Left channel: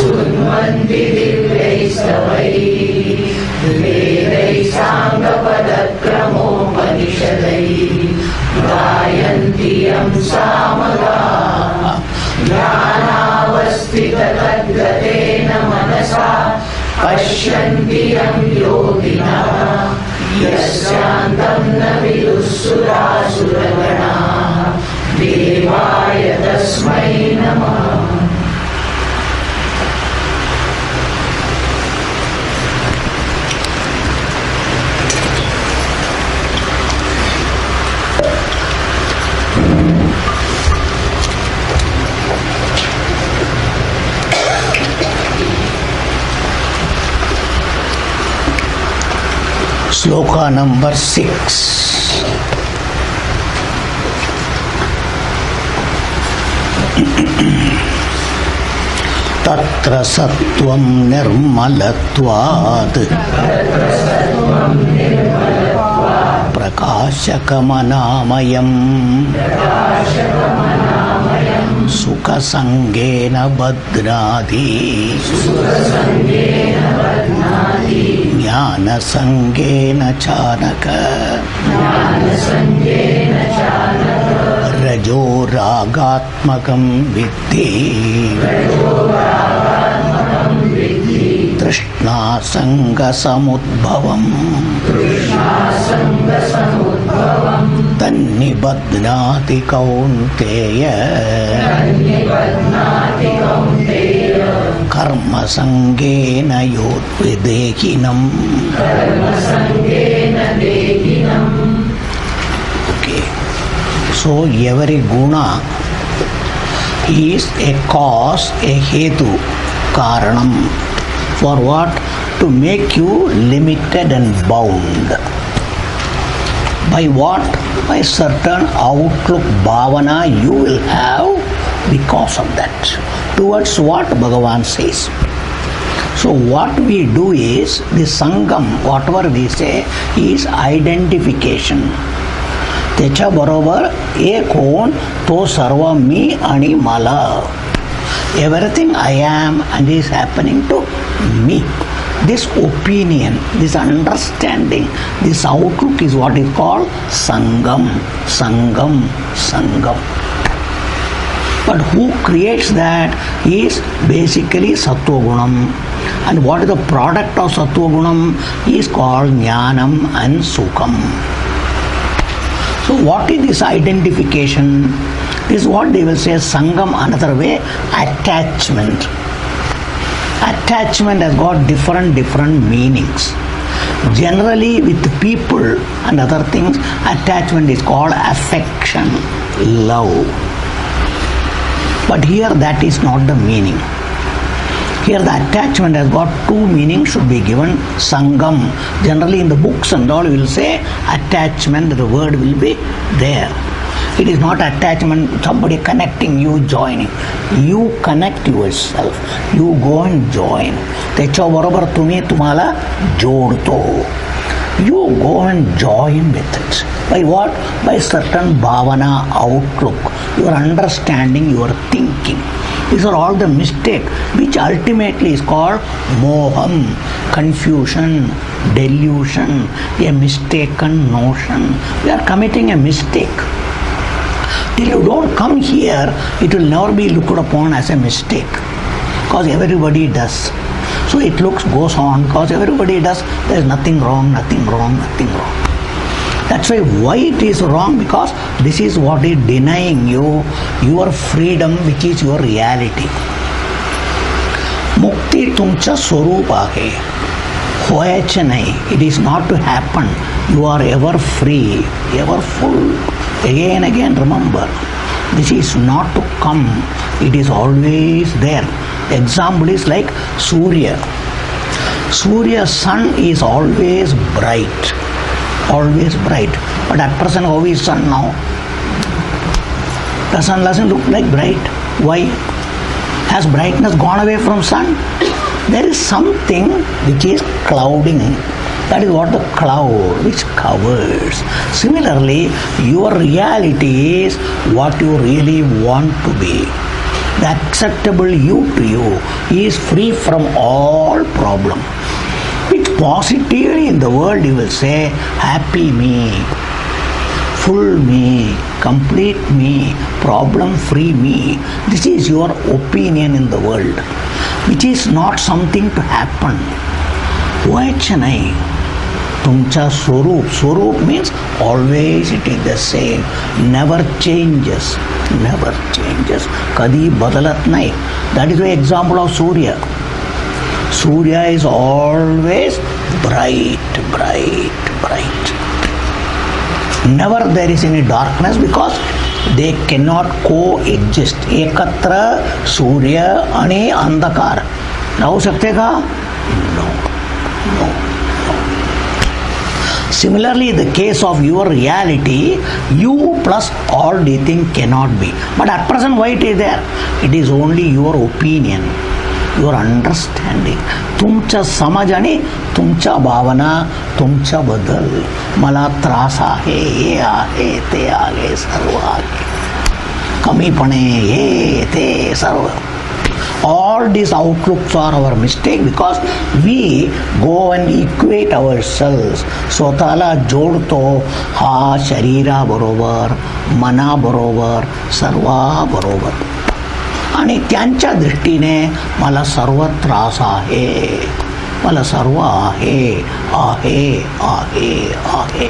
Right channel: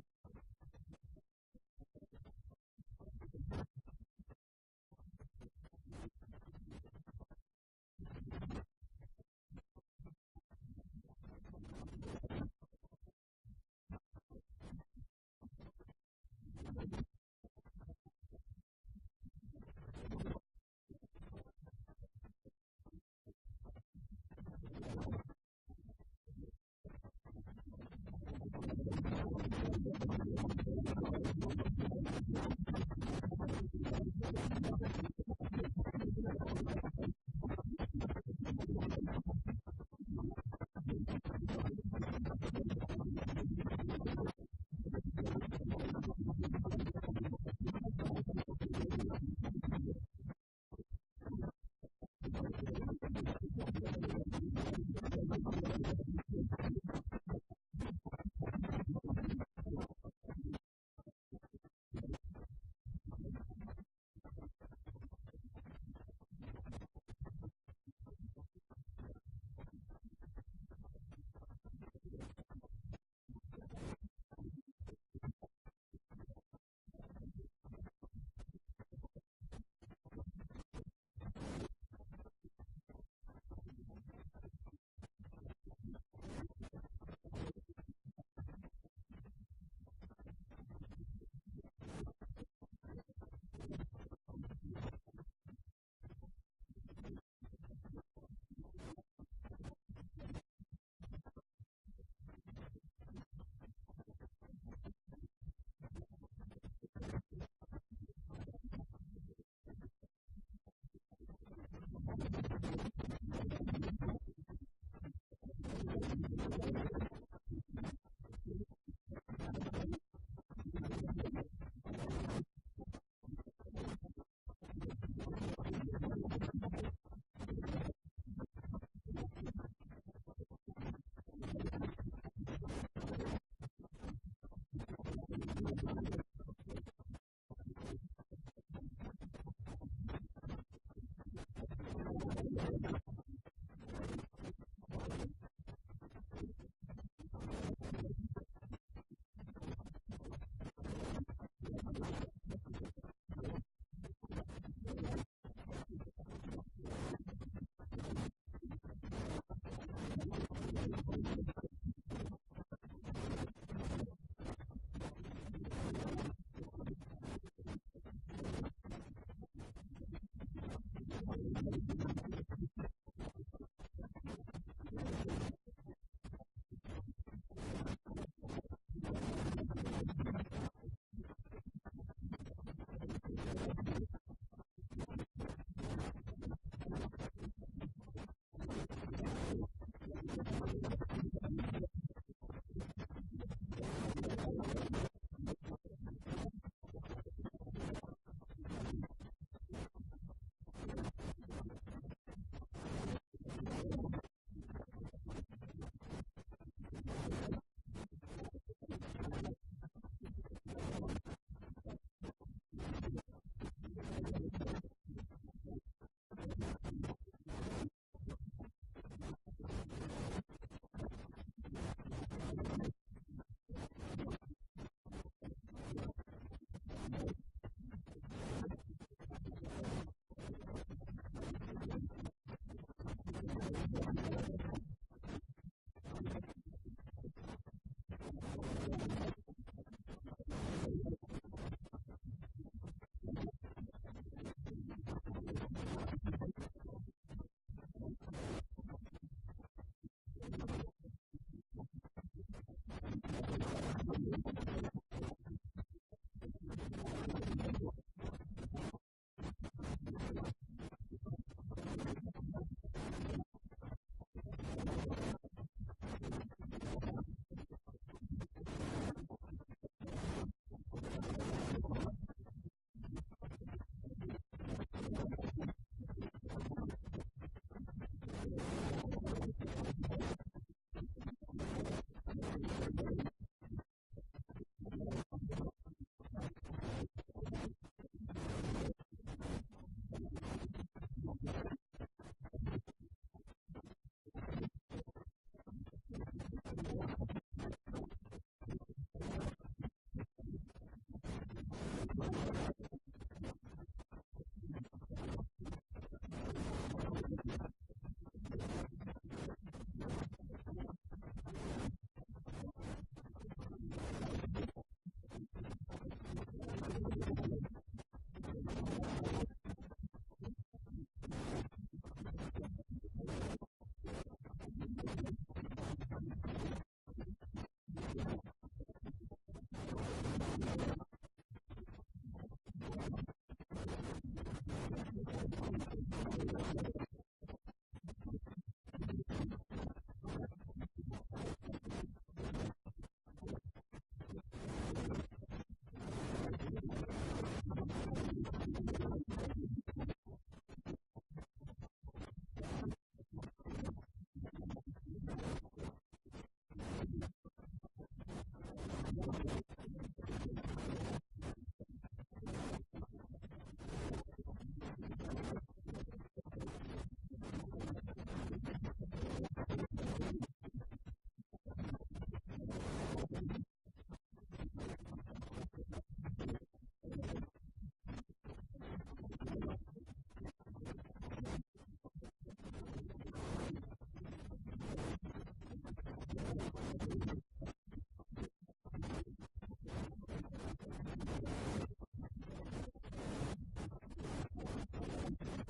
सुन्वन्ति दिव्यैस्तवैः वेदैः साङ्गपदक्रमोपनिषदैः गायन्ति यं सामगाः ज्ञानावस्थिततद्गतेन मनसा पश्यन्ति यं योगिनः यस्यान्तं न विदुःसुरासुरगणाः देवाय तस्मै नमः. Sloka number 6. Tatra sattvam nirmalatvad prakashakamanāmayam sukasangena badnādi ज्ञानसंगेन चानक रजो रागात्मकं विद्धि तृष्णासंगसमुद्भवम् तन्निबध्नाति कौन्तेय कर्म संगेन योद्विदेहिनम्. Okay. So every guna is a cause, a hetu, karanam. For what? To make you limited and bound. By what? By certain outlook, bhavana you will have because of that. Towards what Bhagavan says. So what we do is, the sangam, whatever we say, is identification. Techa barobar ek hoon to sarva me ani mala. Everything I am and is happening to me. This opinion, this understanding, this outlook is what is called sangam, sangam, sangam. But who creates that is basically Sattva Gunam. And what is the product of Sattva Gunam is called Jnanam and Sukham. So what is this identification? This is what they will say Sangam, another way, attachment. Attachment has got different meanings. Generally with people and other things, attachment is called affection, love. But here that is not the meaning. Here the attachment has got two meanings should be given. Sangam. Generally in the books and all you will say attachment, the word will be there. It is not attachment, somebody connecting you, joining. You connect yourself. You go and join. Techo barobar tumi tumhala jodto. You go and join with it. By what? By certain bhavana, outlook, your understanding, your thinking. These are all the mistake which ultimately is called moham, confusion, delusion, a mistaken notion. We are committing a mistake. Till you don't come here, it will never be looked upon as a mistake. Because everybody does. So it goes on because everybody does. There is nothing wrong, nothing wrong, nothing wrong. That's why it is wrong, because this is what is denying you your freedom, which is your reality. Mukti tumcha swarupa hai. Hoyacha nahi. It is not to happen. You are ever free, ever full. Again, remember, this is not to come. It is always there. Example is like Surya. Surya's sun is always bright. Always bright. But at present, how is sun now? The sun doesn't look like bright. Why? Has brightness gone away from sun? There is something which is clouding. That is what the cloud which covers. Similarly, your reality is what you really want to be. The acceptable you to you is free from all problem. Which positively in the world you will say, happy me, full me, complete me, problem-free me. This is your opinion in the world, which is not something to happen. Vachanai, tumcha swarup. Swarup means always it is the same, never changes, never changes. Kadi badalat nahi. That is the example of Surya. Surya is always bright, bright, bright. Never there is any darkness because they cannot coexist. Ekatra Surya ani andhakar. Now sakte ka? No. Similarly, the case of your reality, you plus all the thing cannot be. But at present, why it is there? It is only your opinion, your understanding. Tumcha samajani, tumcha bhavana, tumcha badal. Mala trasa hai, ye aahe, te aage, sarva aage. Kami pane, ye, te, sarva. All these outlooks are our mistake because we go and equate ourselves. Swatala jodto ha sharira barobar, mana barobar, sarva barobar. आणि त्यांच्या दृष्टीने मला सर्व त्रास आहे, मला सर्व आहे, आहे, आहे, आहे.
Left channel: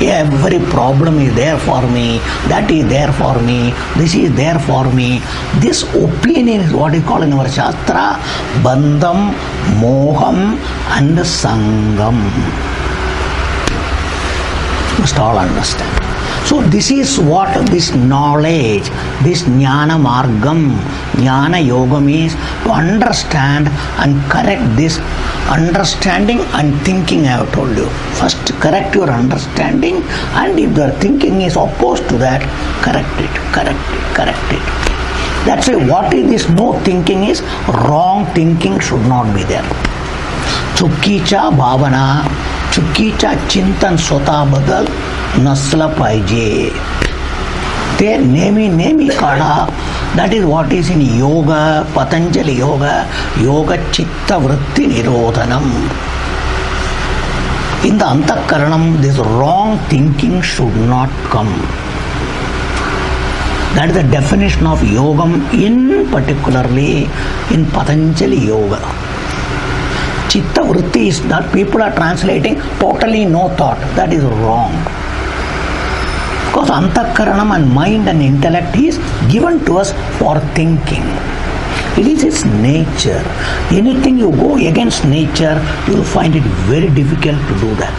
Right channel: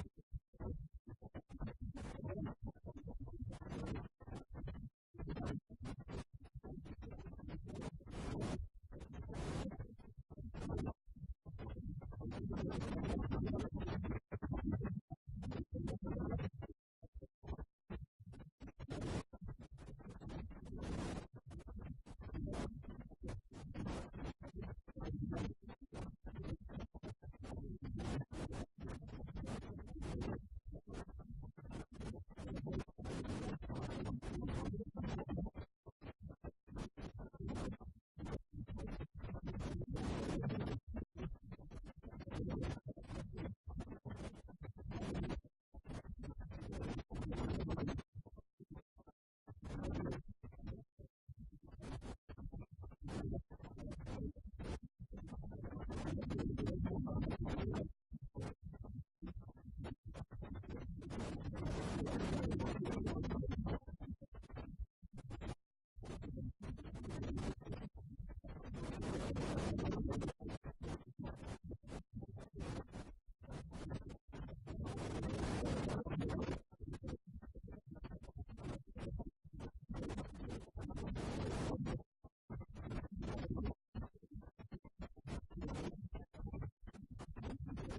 Every problem is there for me, that is there for me, this is there for me. This opinion is what is called in our Shastra Bandham, Moham and Sangam. You must all understand. So this is what this knowledge, this jnana margam, jnana yogam is to understand and correct this understanding and thinking I have told you. First correct your understanding, and if the thinking is opposed to that, correct it, correct it, correct it. That's why what is this no thinking is, wrong thinking should not be there. Chukkicha bhavana, chukkicha chintan swata badal नसला पाहिजे. ते नेहमी काढा. That is what is in yoga, Patanjali yoga, yoga chitta vritti nirodhanam. In the antakaranam, this wrong thinking should not come. That is the definition of yogam, in particularly in Patanjali yoga. Chitta vritti is that people are translating totally no thought. That is wrong. Because antakaranam and mind and intellect is given to us for thinking. It is its nature. Anything you go against nature, you will find it very difficult to do that.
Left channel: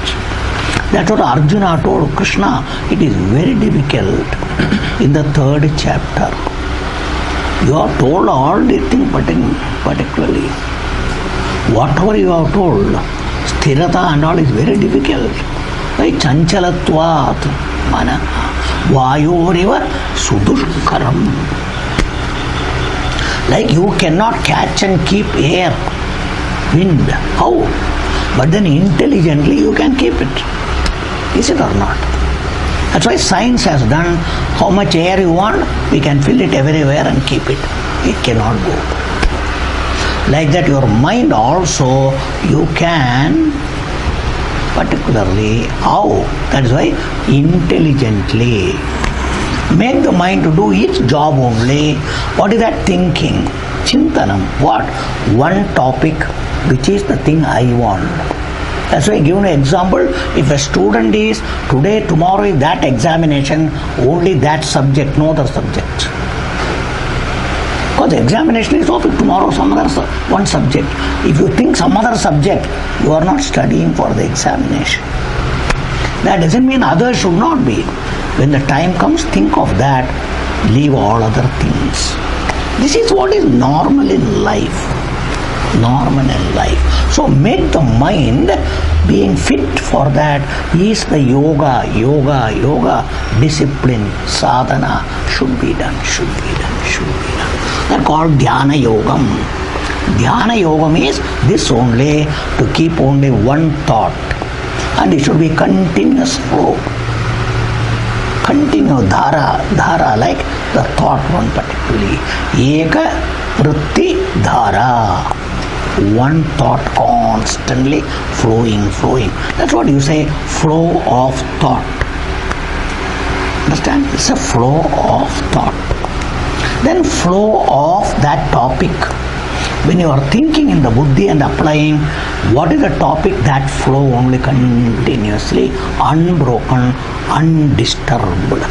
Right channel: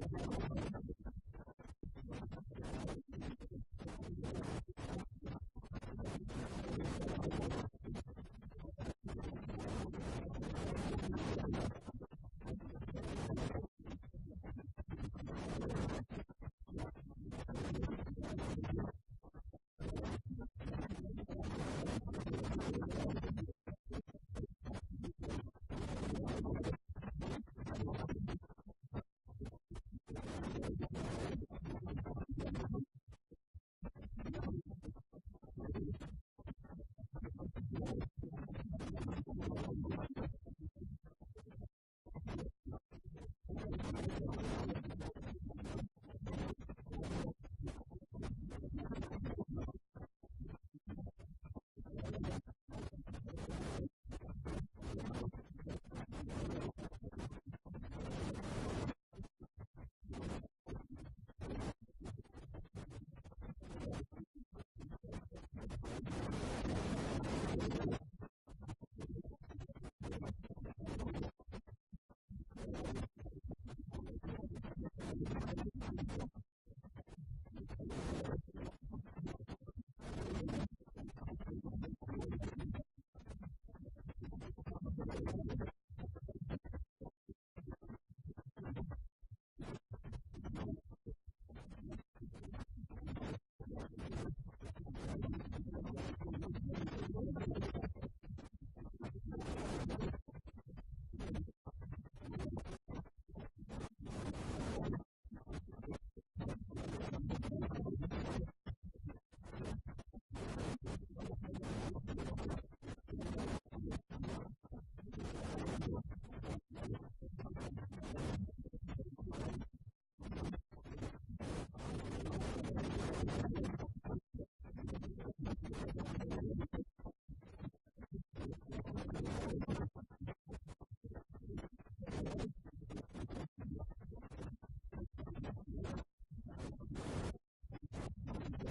That's what Arjuna told Krishna. It is very difficult in the 3rd chapter. You are told all the things, particularly. Whatever you are told, sthirata and all is very difficult. Like chanchalatvat, mana, vayoriva sudushkaram. Like you cannot catch and keep air, wind. How? But then intelligently you can keep it. Is it or not? That's why science has done how much air you want, we can fill it everywhere and keep it. It cannot go. Like that your mind also you can, particularly how? That is why intelligently make the mind to do its job only. What is that thinking? Chintanam. What? One topic, which is the thing I want. That's why I give an example. If a student is today, tomorrow is that examination, only that subject, no other subject. Because the examination is also tomorrow some other one subject. If you think some other subject, you are not studying for the examination. That doesn't mean others should not be. When the time comes, think of that. Leave all other things. This is what is normal in life. Normal in life. So make the mind being fit for that is the yoga discipline, sadhana should be done. That's called dhyana yogam. Dhyana yogam is this only, to keep only one thought, and it should be continuous flow. Continue dhara like the thought one particularly. Eka vritti dhara. One thought constantly flowing. That's what you say, flow of thought. Understand? It's a flow of thought. Then flow of that topic. When you are thinking in the buddhi and applying, what is the topic? That flow only continuously, unbroken, undisturbed.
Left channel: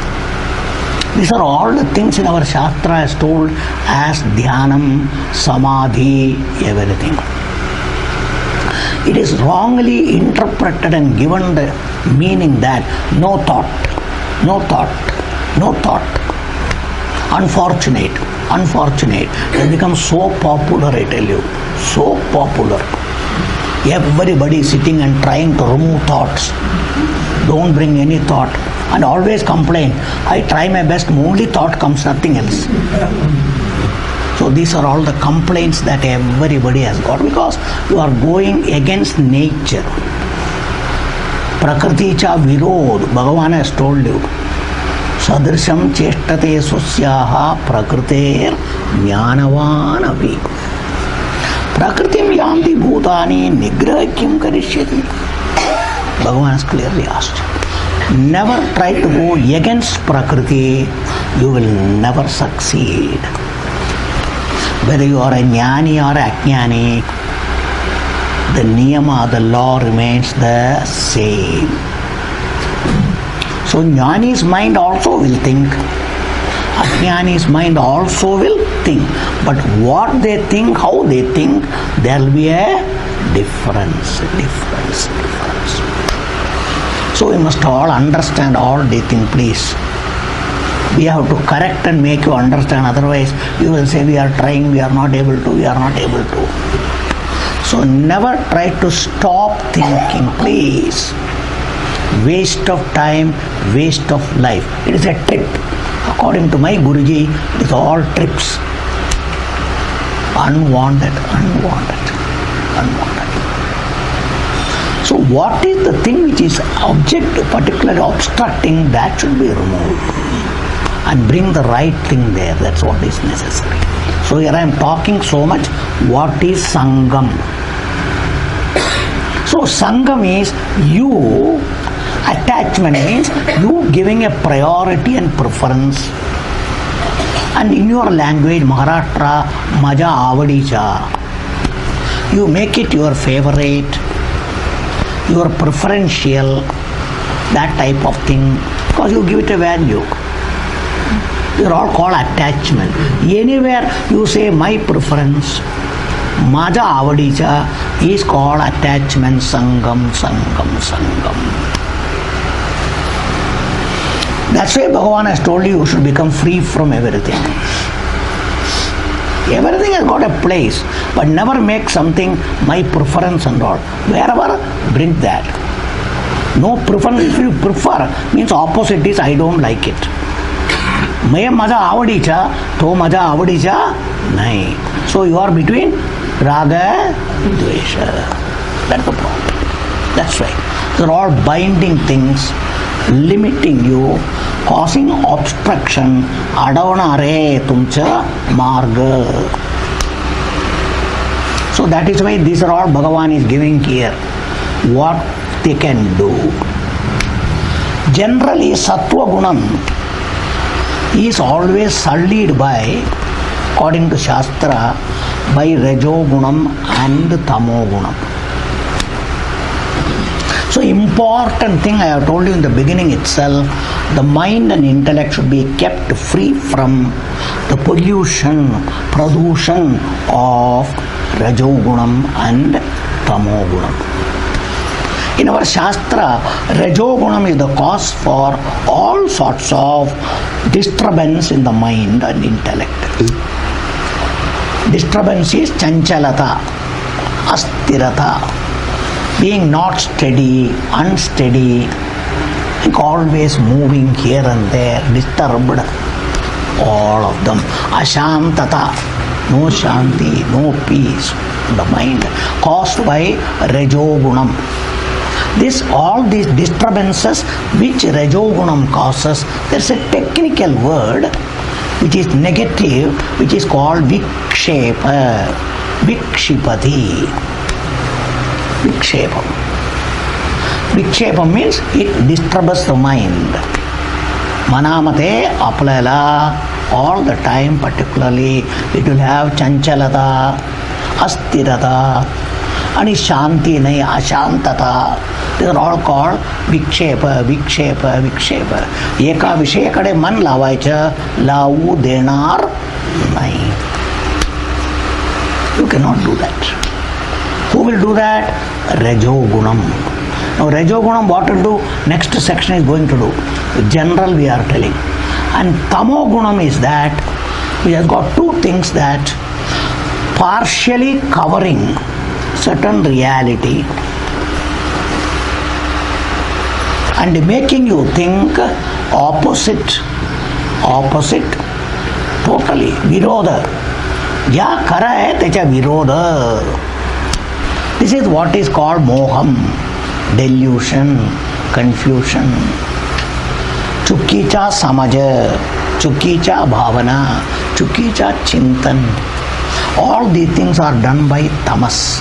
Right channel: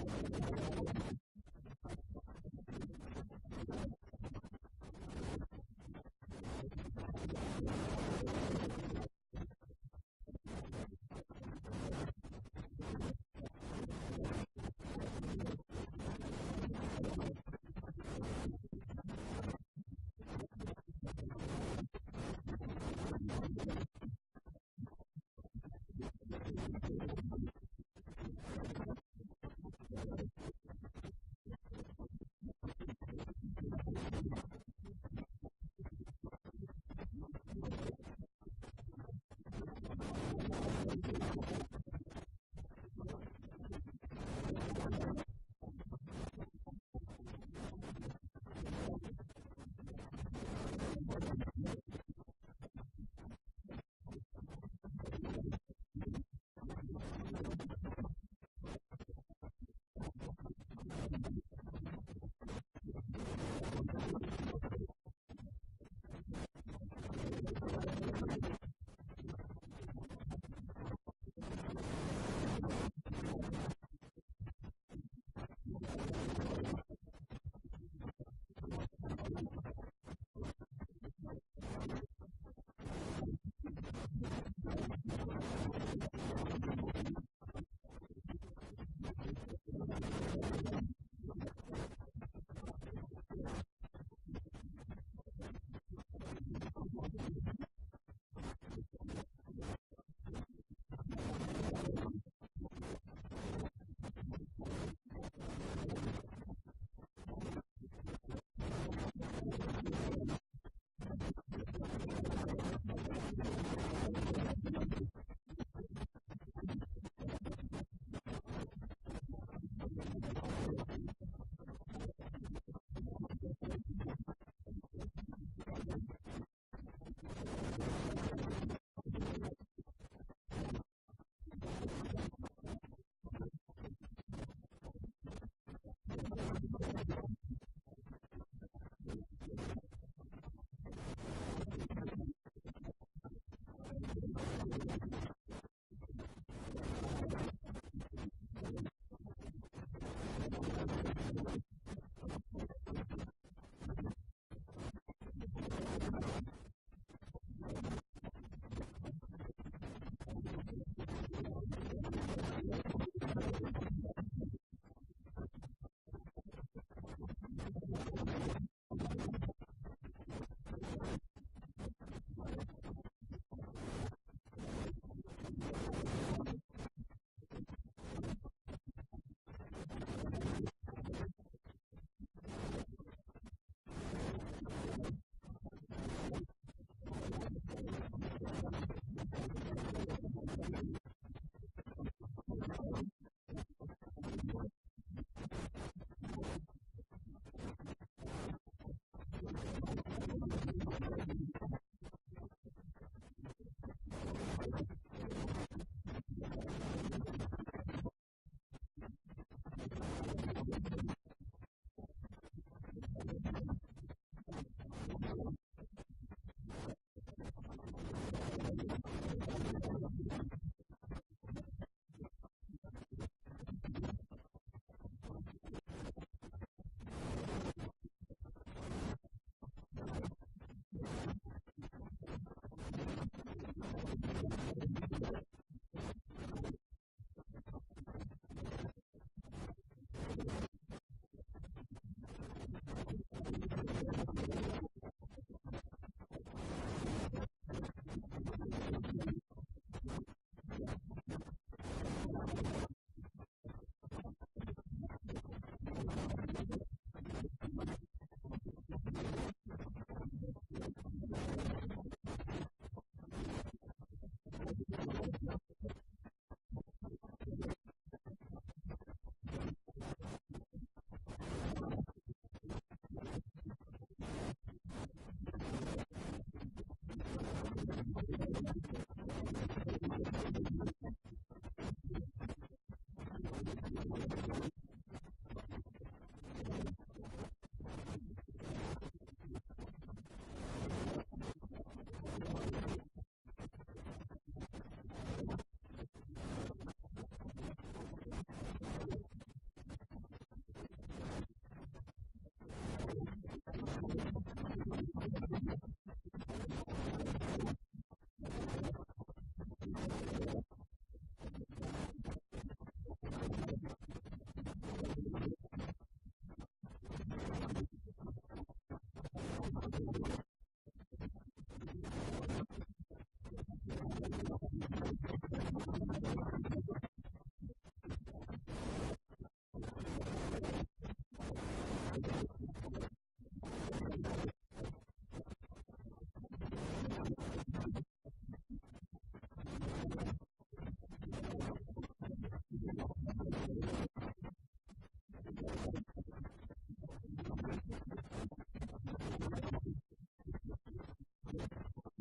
These are all the things in our Shastra as told as Dhyanam, Samadhi, everything. It is wrongly interpreted and given the meaning that no thought. Unfortunate. It has become so popular, I tell you. So popular. Everybody is sitting and trying to remove thoughts. Don't bring any thought. And always complain. I try my best, only thought comes, nothing else. So these are all the complaints that everybody has got because you are going against nature. Prakriti cha virod, Bhagavan has told you. Sadrisham cheshtate susyaha prakriter jnanavan api. Prakritim yanti bhutani nigraha kim karishyati. Bhagavan has clearly asked. Never try to go against Prakriti, you will never succeed. Whether you are a jnani or a ajnani, the niyama, the law remains the same. So jnani's mind also will think, ajnani's mind also will think. But what they think, how they think, there will be a difference. So we must all understand all these things, please. We have to correct and make you understand. Otherwise, you will say we are trying, we are not able to. So never try to stop thinking, please. Waste of time, waste of life. It is a trip. According to my Guruji, it is all trips. Unwanted. So what is the thing which is object, particularly obstructing, that should be removed. And bring the right thing there. That's what is necessary. So here I am talking so much. What is Sangam? So Sangam is you, attachment means you giving a priority and preference. And in your language, Maharashtra, Maja Avadicha, you make it your favorite, your preferential, that type of thing, because you give it a value. They are all called attachment. Anywhere you say my preference, Maja Avadicha is called attachment, Sangam. That's why Bhagavan has told you should become free from everything. Everything has got a place, but never make something my preference and all. Wherever, bring that. No preference. If you prefer, means opposite is I don't like it. मैं मजा आवडीचा तो मजा आवडीचा नहीं. So you are between raga and dvesha. That's the problem. That's right. They're all binding things, limiting you, causing obstruction. Adavana re tumcha marga. So that is why these are all Bhagavan is giving here. What they can do. Generally, Sattva Gunam is always sullied by, according to Shastra, by Rajo Gunam and Tamo Gunam. So important thing I have told you in the beginning itself, the mind and intellect should be kept free from the pollution, pradushan of Rajo Gunam and Tamo Gunam. In our Shastra, Rajo Gunam is the cause for all sorts of disturbance in the mind and intellect. Disturbance is chanchalata, astirata, being not steady, unsteady, always moving here and there, disturbed, all of them. Ashantata, no shanti, no peace in the mind, caused by Rajo Gunam. All these disturbances which Rajogunam causes, there's a technical word which is negative, which is called Vikshepa. Vikshipati. Vikshepam. Vikshepam means it disturbs the mind. Manamate apalala, all the time, particularly it will have chanchalata, astirata, and shanti nahi, ashantata. These are all called vikshepa. Eka vishaya kade man lavaicha, lavu denar nahi. You cannot do that. Who will do that? Rajogunam. Now Rajogunam, what will do? Next section is going to do. General we are telling. And Tamogunam is that we have got two things that partially covering certain reality and making you think opposite, totally, viroda. Ja kara hai, techa viroda. This is what is called moham, delusion, confusion. Chukicha samaja, chukicha bhavana, chukicha chintan. All these things are done by tamas.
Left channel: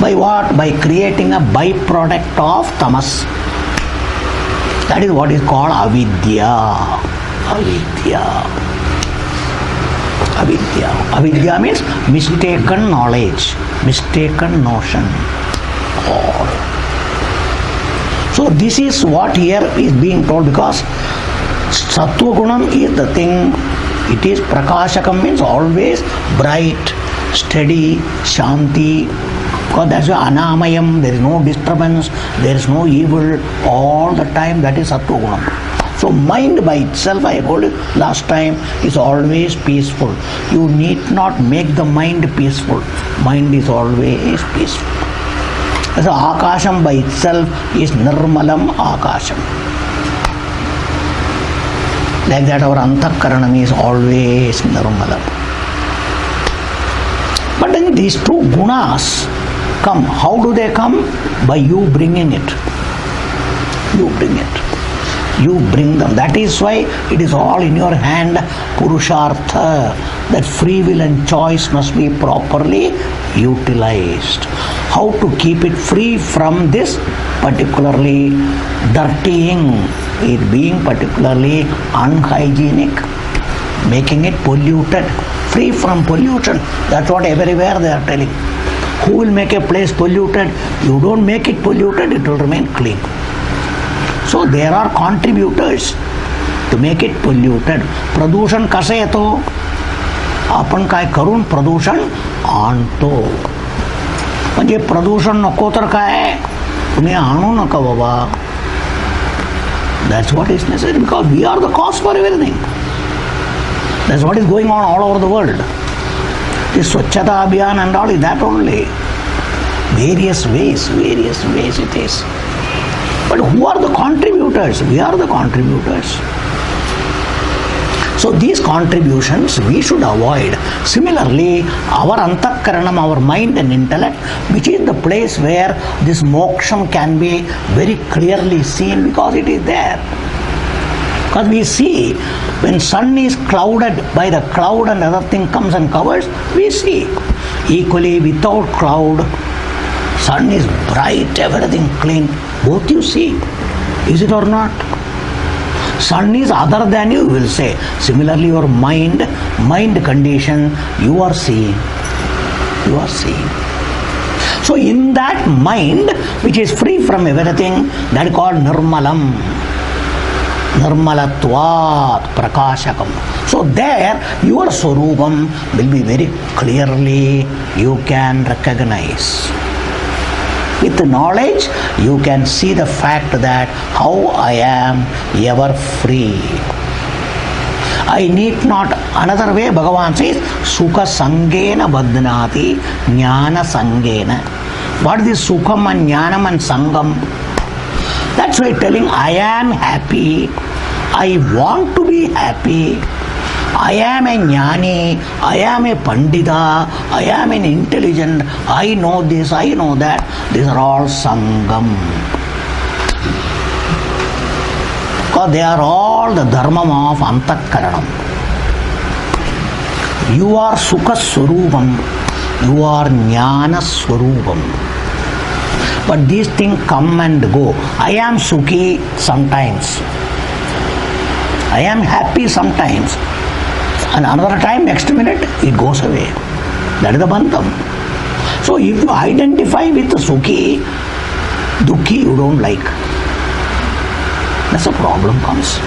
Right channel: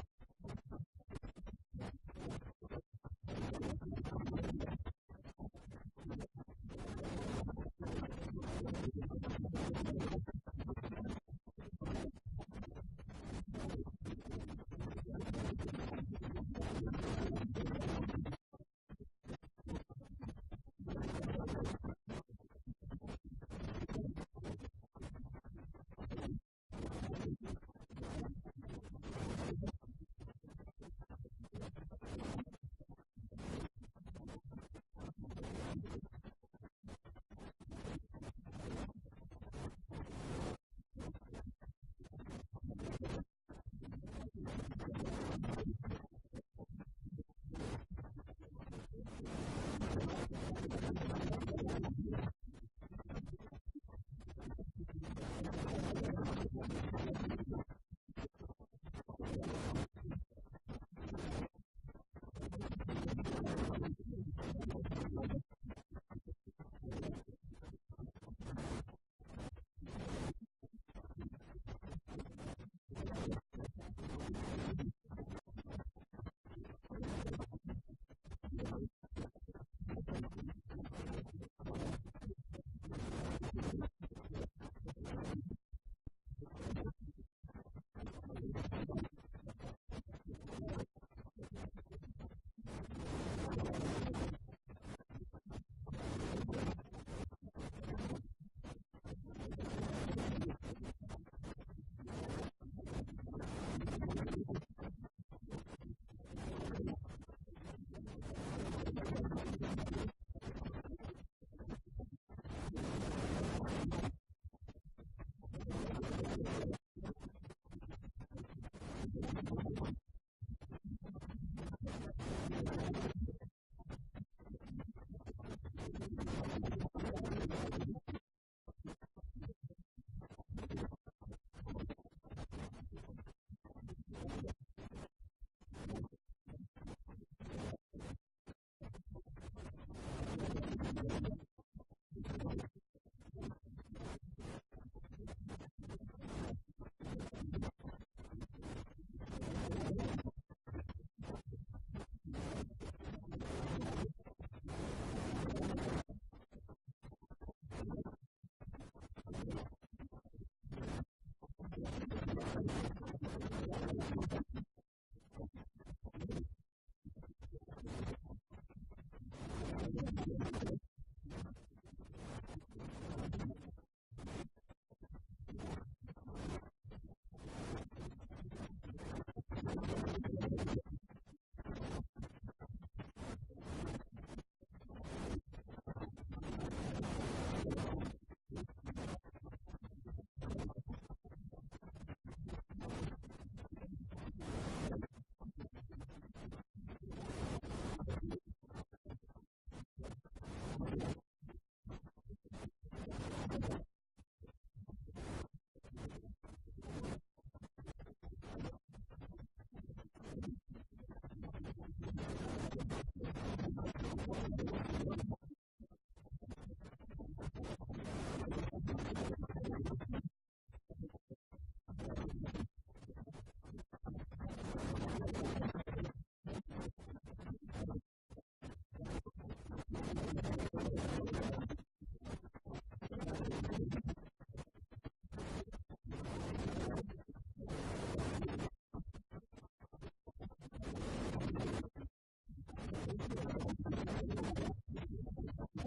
By what? By creating a byproduct of tamas. That is what is called avidya. Avidya means mistaken knowledge, mistaken notion. So this is what here is being told, because Sattva Gunam is the thing, it is Prakashakam, means always bright, steady, Shanti, because that's why Anamayam, there is no disturbance, there is no evil, all the time, that is Sattva Gunam. So mind by itself, I told you last time, is always peaceful. You need not make the mind peaceful. Mind is always peaceful. So Akasham by itself is Nirmalam Akasham. Like that our Antakaranam is always Nirmalam. But then these two gunas come. How do they come? By you bringing it. You bring it. You bring them. That is why it is all in your hand, Purushartha, that free will and choice must be properly utilized. How to keep it free from this particularly dirtying, it being particularly unhygienic, making it polluted, free from pollution. That's what everywhere they are telling. Who will make a place polluted? You don't make it polluted, it will remain clean. So there are contributors to make it polluted. Pradushan kase yeto? आपण काय करून प्रदूषण आणतो. म्हणजे प्रदूषण नको तर काय तुम्ही आणू नका बाबा. That's what is necessary, because we are the cause for everything. That's what is going on all over the world. This Swachhata Abhiyan and all is that only. Various ways it is. But who are the contributors? We are the contributors. So these contributions we should avoid. Similarly, our antakaranam, our mind and intellect, which is the place where this moksham can be very clearly seen, because it is there. Because we see when sun is clouded by the cloud and other thing comes and covers, we see. Equally without cloud, sun is bright, everything clean, both you see. Is it or not? Sun is other than you will say. Similarly, your mind condition, you are seeing. You are seeing. So in that mind, which is free from everything, that is called Nirmalam. Nirmalatvat Prakashakam. So there, your Swarupam will be very clearly, you can recognize. With knowledge, you can see the fact that how I am ever free. I need not. Another way Bhagavan says, Sukha Sangena Badnati Jnana Sangena. What is this Sukham and Jnanam and Sangam? That's why telling I am happy, I want to be happy, I am a jnani, I am a pandita, I am an intelligent, I know this, I know that. These are all sangam. because they are all the dharmam of antakaranam. You are Sukha Swarupam, you are Jnana Swarupam. But these things come and go. I am Sukhi sometimes. I am happy sometimes. And another time, next minute, it goes away. That is the bandham. So if you identify with Sukhi, Dukhi you don't like. That's a problem comes.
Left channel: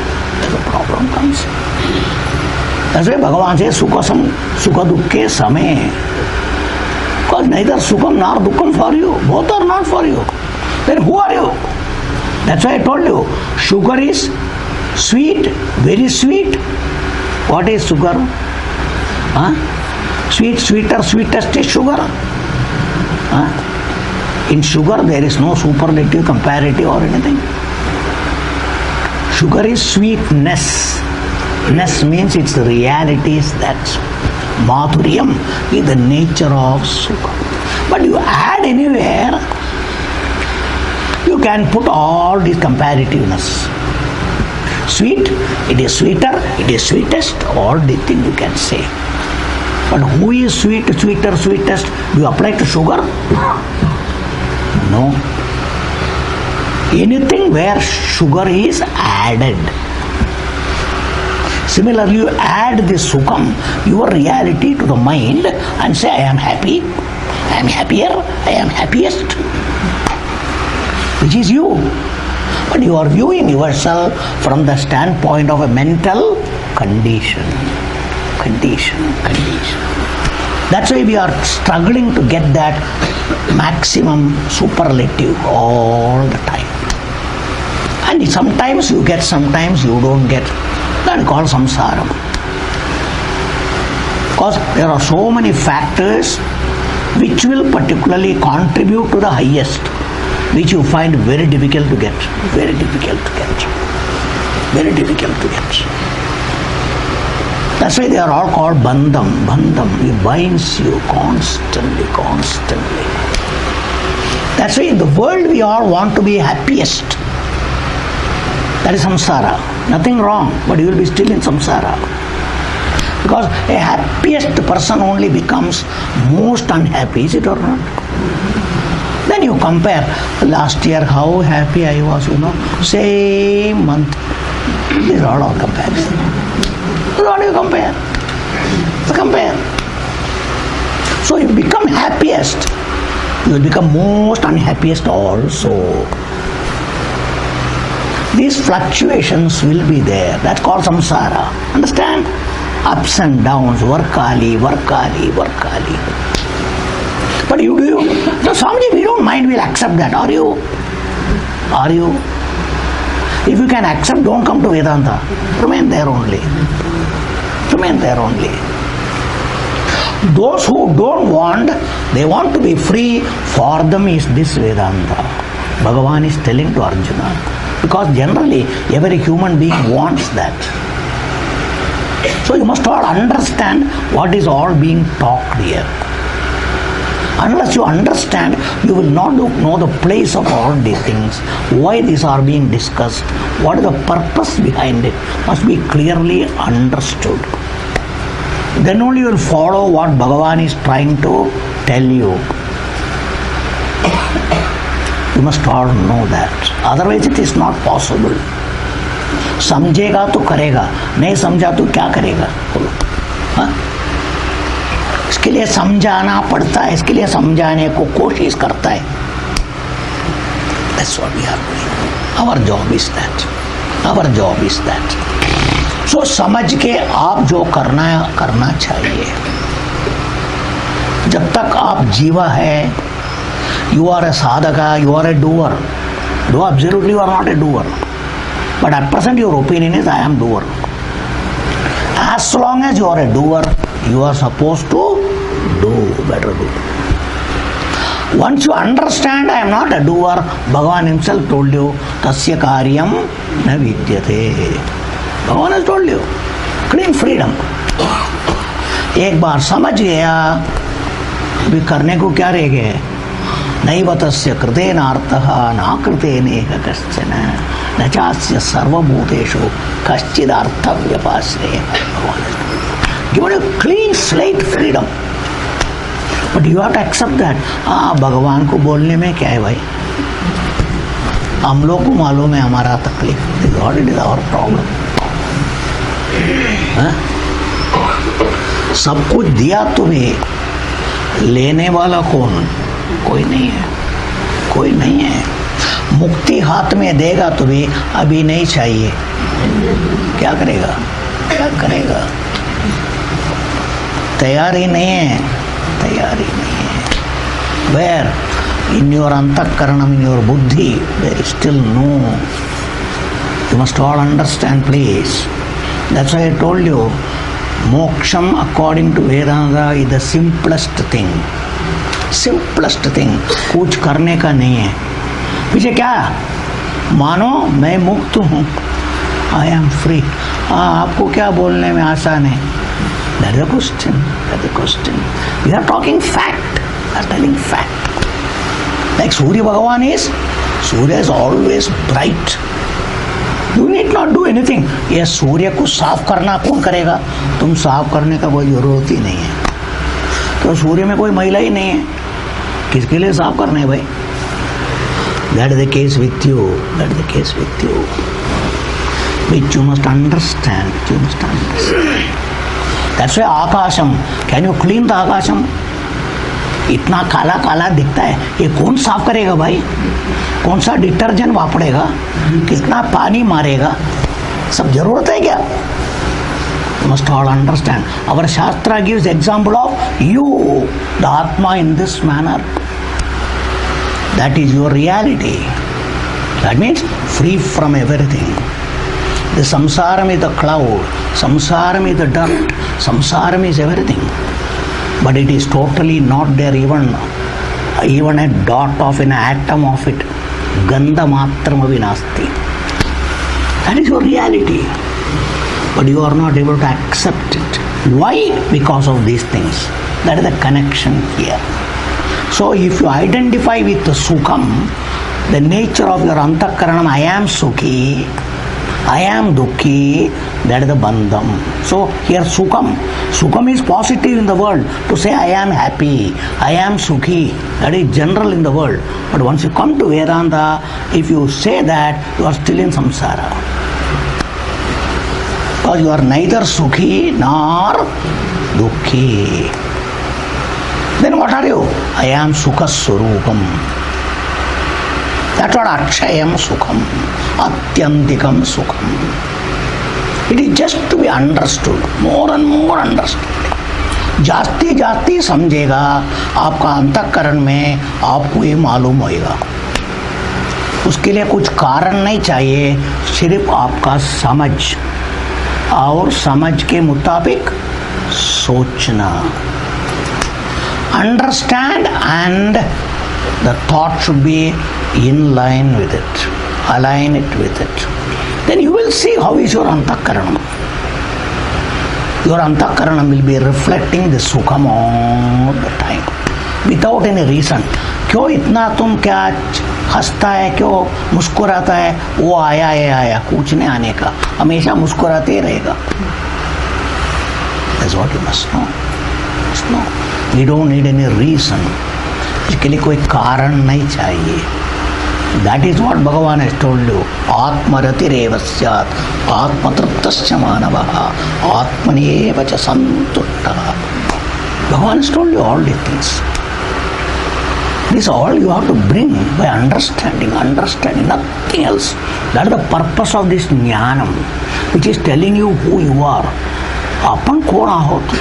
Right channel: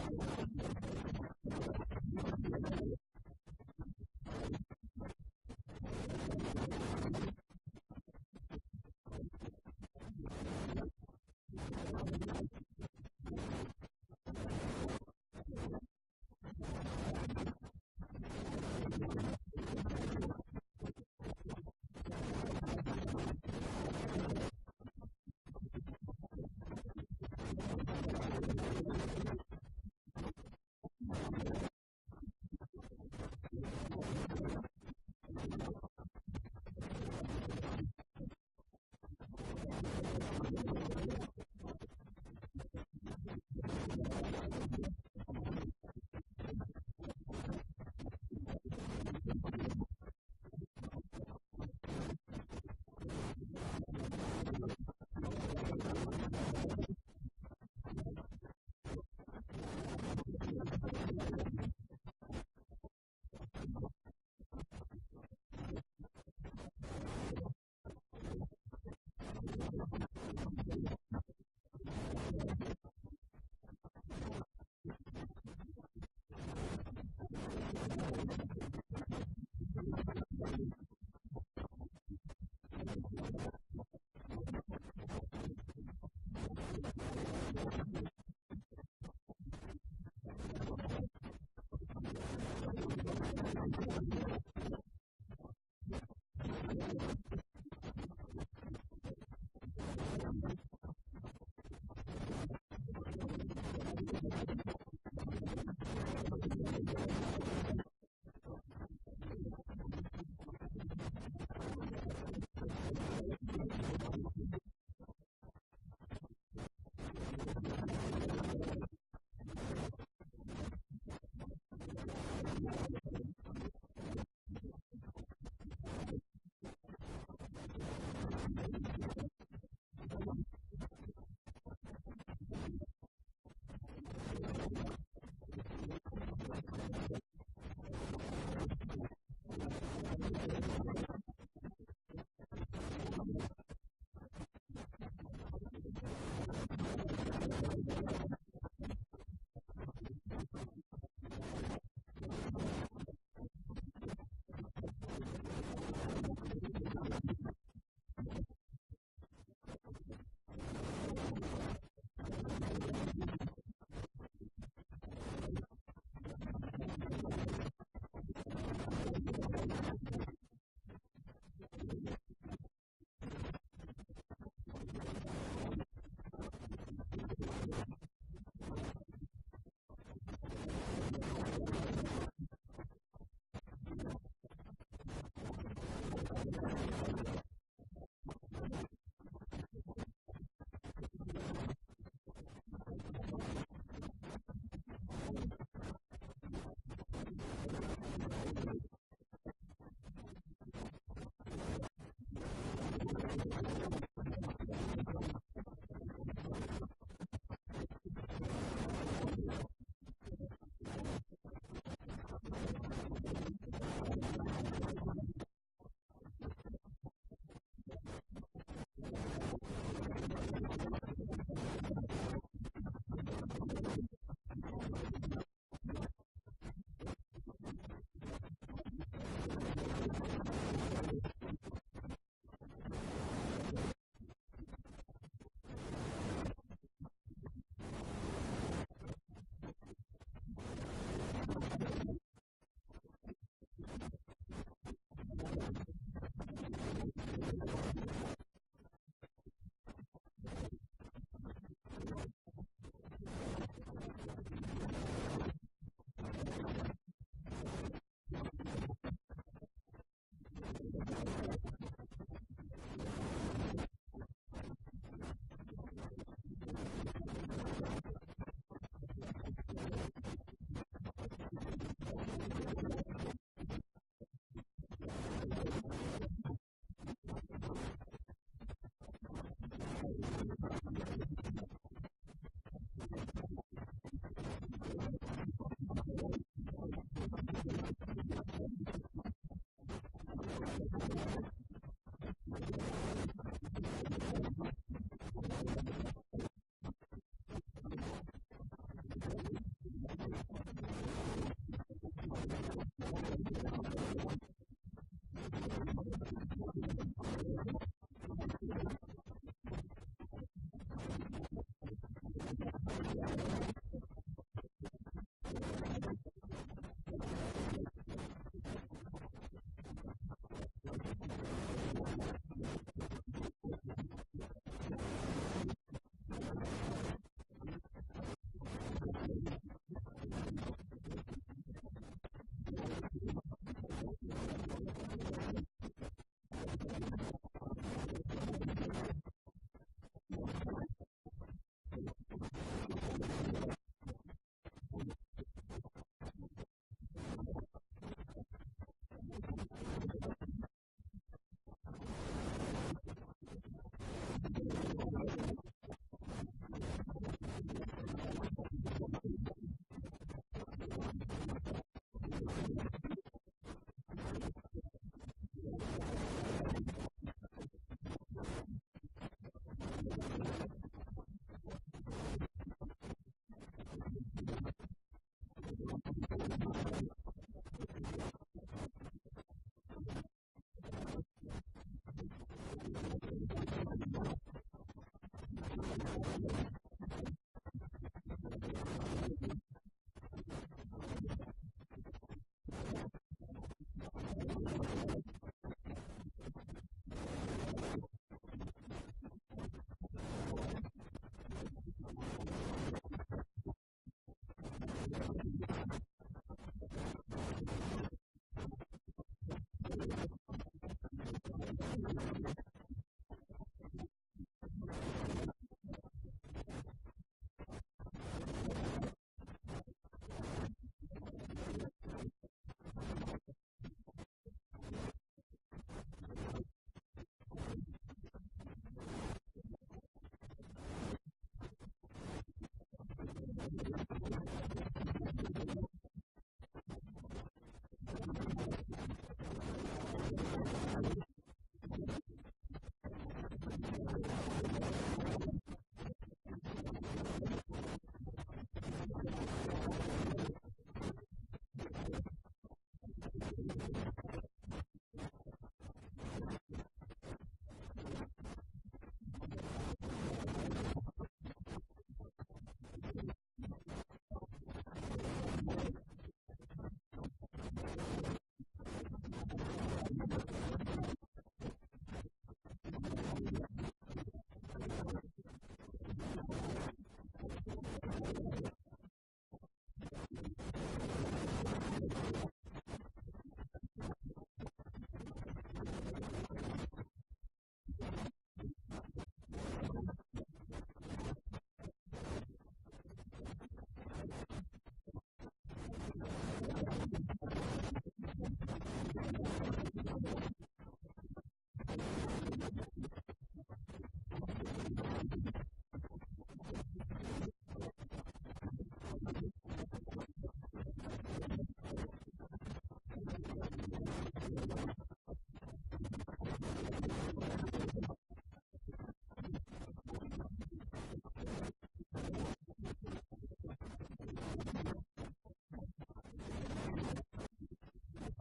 That's why Bhagavan says Sukha Dukkhe Same. Because neither Sukham nor Dukkham for you. Both are not for you. Then who are you? That's why I told you. Sugar is sweet, very sweet. What is sugar? Sweet, sweeter, sweetest is sugar. In sugar there is no superlative, comparative or anything. Sugar is sweetness. Ness means its reality is that. Madhuryam is the nature of Sukha. But you add anywhere, you can put all this comparativeness. Sweet, it is sweeter, it is sweetest, all the things you can say. But who is sweet, sweeter, sweetest? Do you apply to sugar? No. Anything where sugar is added. Similarly, you add this Sukham, your reality to the mind and say, I am happy, I am happier, I am happiest. Which is you. But you are viewing yourself from the standpoint of a mental condition. That's why we are struggling to get that maximum superlative all the time. And sometimes you get, sometimes you don't get. That is called samsara. Because there are so many factors which will particularly contribute to the highest, which you find very difficult to get. Very difficult to get. That's why they are all called bandham. It binds you constantly. That's why in the world we all want to be happiest. That is samsara. Nothing wrong, but you will be still in samsara. Because a happiest person only becomes most unhappy, is it or not? Then you compare, last year how happy I was, same month. These are all comparison. What do you compare? So you become happiest, you will become most unhappiest also. These fluctuations will be there. That's called samsara. Understand? Ups and downs, varkali. But you do. So Swamiji, we don't mind, we'll accept that. Are you? If you can accept, don't come to Vedanta. Remain there only. Those who don't want, they want to be free, for them is this Vedanta. Bhagavan is telling to Arjuna. Because generally, every human being wants that. So you must all understand what is all being talked here. Unless you understand, you will not know the place of all these things, why these are being discussed, what is the purpose behind it, must be clearly understood. Then only you will follow what Bhagavan is trying to tell you. You must all know that. Otherwise it is not possible. समझेगा तो करेगा, नहीं समझा तो क्या करेगा? बोलो. इसके लिए समझाना पड़ता है, इसके लिए समझाने को कोशिश करता है. That's what we are doing. Our job is that. So समझ के आप जो करना चाहिए. जब तक आप जीवा है, you are a sadhaka, you are a doer. Though absolutely you are not a doer. But at present your opinion is I am doer. As long as you are a doer, you are supposed to better do. Once you understand I am not a doer, Bhagavan himself told you, tasya karyam na vidyate. Bhagavan has told you, clean freedom. एक बार समझ गया, अभी करने को क्या रह गया है? नैव तस्य कृतेनार्थः नाकृतेनेह कश्चन न चास्य सर्वभूतेषु कश्चिदर्थव्यपाश्रयः. Given a clean slate freedom. But you have to accept that. भगवान को बोलने में क्या है भाई? हम लोग को मालूम है हमारा तकलीफ. What it is our problem? सब कुछ दिया तुम्हें, लेने वाला कौन? कोई नहीं है, कोई नहीं है. मुक्ति हाथ में देगा तुम्हें, अभी नहीं चाहिए. क्या करेगा? क्या करेगा? तैयारी नहीं है, तैयारी नहीं है. Where in your antakaranam, in your buddhi, there is still no. You must all understand, please. That's why I told you, moksham according to Vedanta is the simplest thing. Simplest thing. कुछ करने का नहीं है. पीछे क्या? मानो मैं मुक्त हूँ. I am free. आपको क्या बोलने में आसान है? That is the question. That is the question. We are talking fact. We are telling fact. Like Surya Bhagavan is, Surya is always bright. You need not do anything. ये सूर्य को साफ करना कौन करेगा? तुम साफ करने का कोई जरूरत ही नहीं है. तो सूर्य में कोई महिला ही नहीं है, किसके लिए साफ करना है भाई? That is the case with you. That is the case with you. Which you must understand. You must understand. That's why आकाशम. Can you clean the आकाशम? इतना काला काला दिखता है, ये कौन साफ करेगा भाई? कौन सा डिटर्जेंट वापरेगा? कितना पानी मारेगा? सब जरूरत है क्या? You must all understand. Our Shastra gives example of you, the Atma, in this manner. That is your reality. That means free from everything. The samsaram is the cloud, samsaram is the dirt, samsaram is everything. But it is totally not there, even a dot of an atom of it. Gandha matramavi nasti. That is your reality. But you are not able to accept it. Why? Because of these things. That is the connection here. So if you identify with the sukham, the nature of your antakaranam, I am sukhi, I am dukkhi, that is the bandham. So here sukham is positive in the world. To say I am happy, I am sukhi, that is general in the world. But once you come to Vedanta, if you say that, you are still in samsara. Because you are neither sukhi nor dukkhi. Then what are you? I am sukha swarupam. That's what akshayam sukham, atyantikam sukham. It is just to be understood, more and more understood. जास्ती जास्ती समझेगा आपका अंतःकरण में, आपको ये मालूम होएगा. उसके लिए कुछ कारण नहीं चाहिए, सिर्फ आपका समझ और समझ के मुताबिक सोचना. Understand, and the thought should be in line with it, align it with it. Then you will see how is your antakaranam. Your antakaranam will be reflecting the sukham all the time, without any reason. क्यों इतना तुम क्या हंसता है, क्यों मुस्कुराता है? वो आया कुछ नहीं आने का, हमेशा मुस्कुराते ही रहेगा. That's what you must know. Must know. We don't need any reason. इसके लिए कोई कारण नहीं चाहिए. That is what Bhagavan has told you. Atmaratireva syat, atmatrutasya manavaha, atmaneva cha santuttaha. Bhagavan has told you all these things. This all you have to bring by understanding, nothing else. That is the purpose of this jnanam, which is telling you who you are. Apan kaun ahot?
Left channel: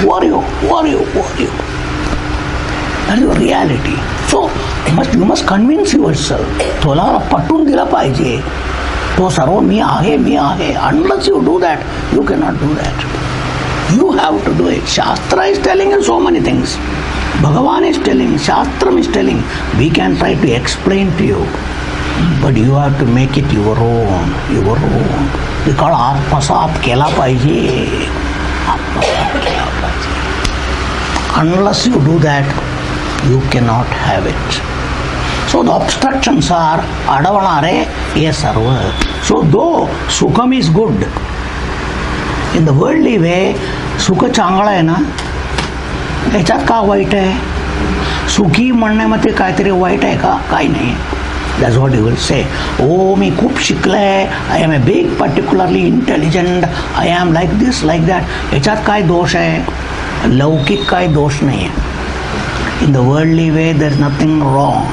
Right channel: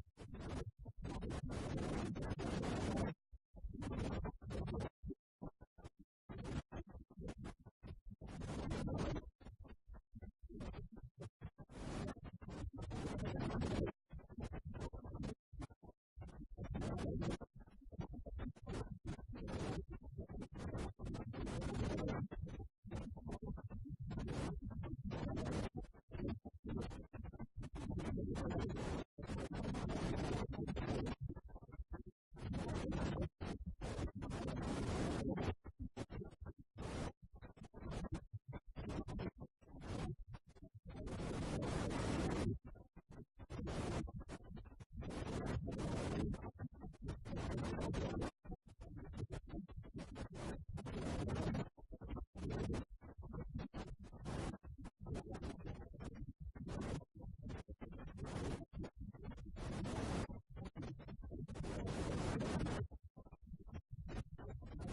Who are you? Who are you? Who are you? That is your reality. So you must convince yourself. तुला पटून दिला पाहिजे. तो सर्व मी आहे. Unless you do that, you cannot do that. You have to do it. Shastra is telling you so many things. Bhagavan is telling, Shastram is telling. We can try to explain to you, but you have to make it your own. Because आत्मसात केला पाहिजे. Unless you do that, you cannot have it. So the obstructions are adavanare ye sarva. So though sukham is good, in the worldly way, सुख चांगला आहे ना, याच्यात का white आहे? सुखी म्हणण्यामध्ये काहीतरी वाईट आहे का? काही नाही. That's what you will say. Oh, मी खूप शिकलाय, I am a big particularly intelligent, I am like this, like that. याच्यात काय दोष आहे? लौकिक काय दोष नाही आहे. In the worldly way, there is nothing wrong.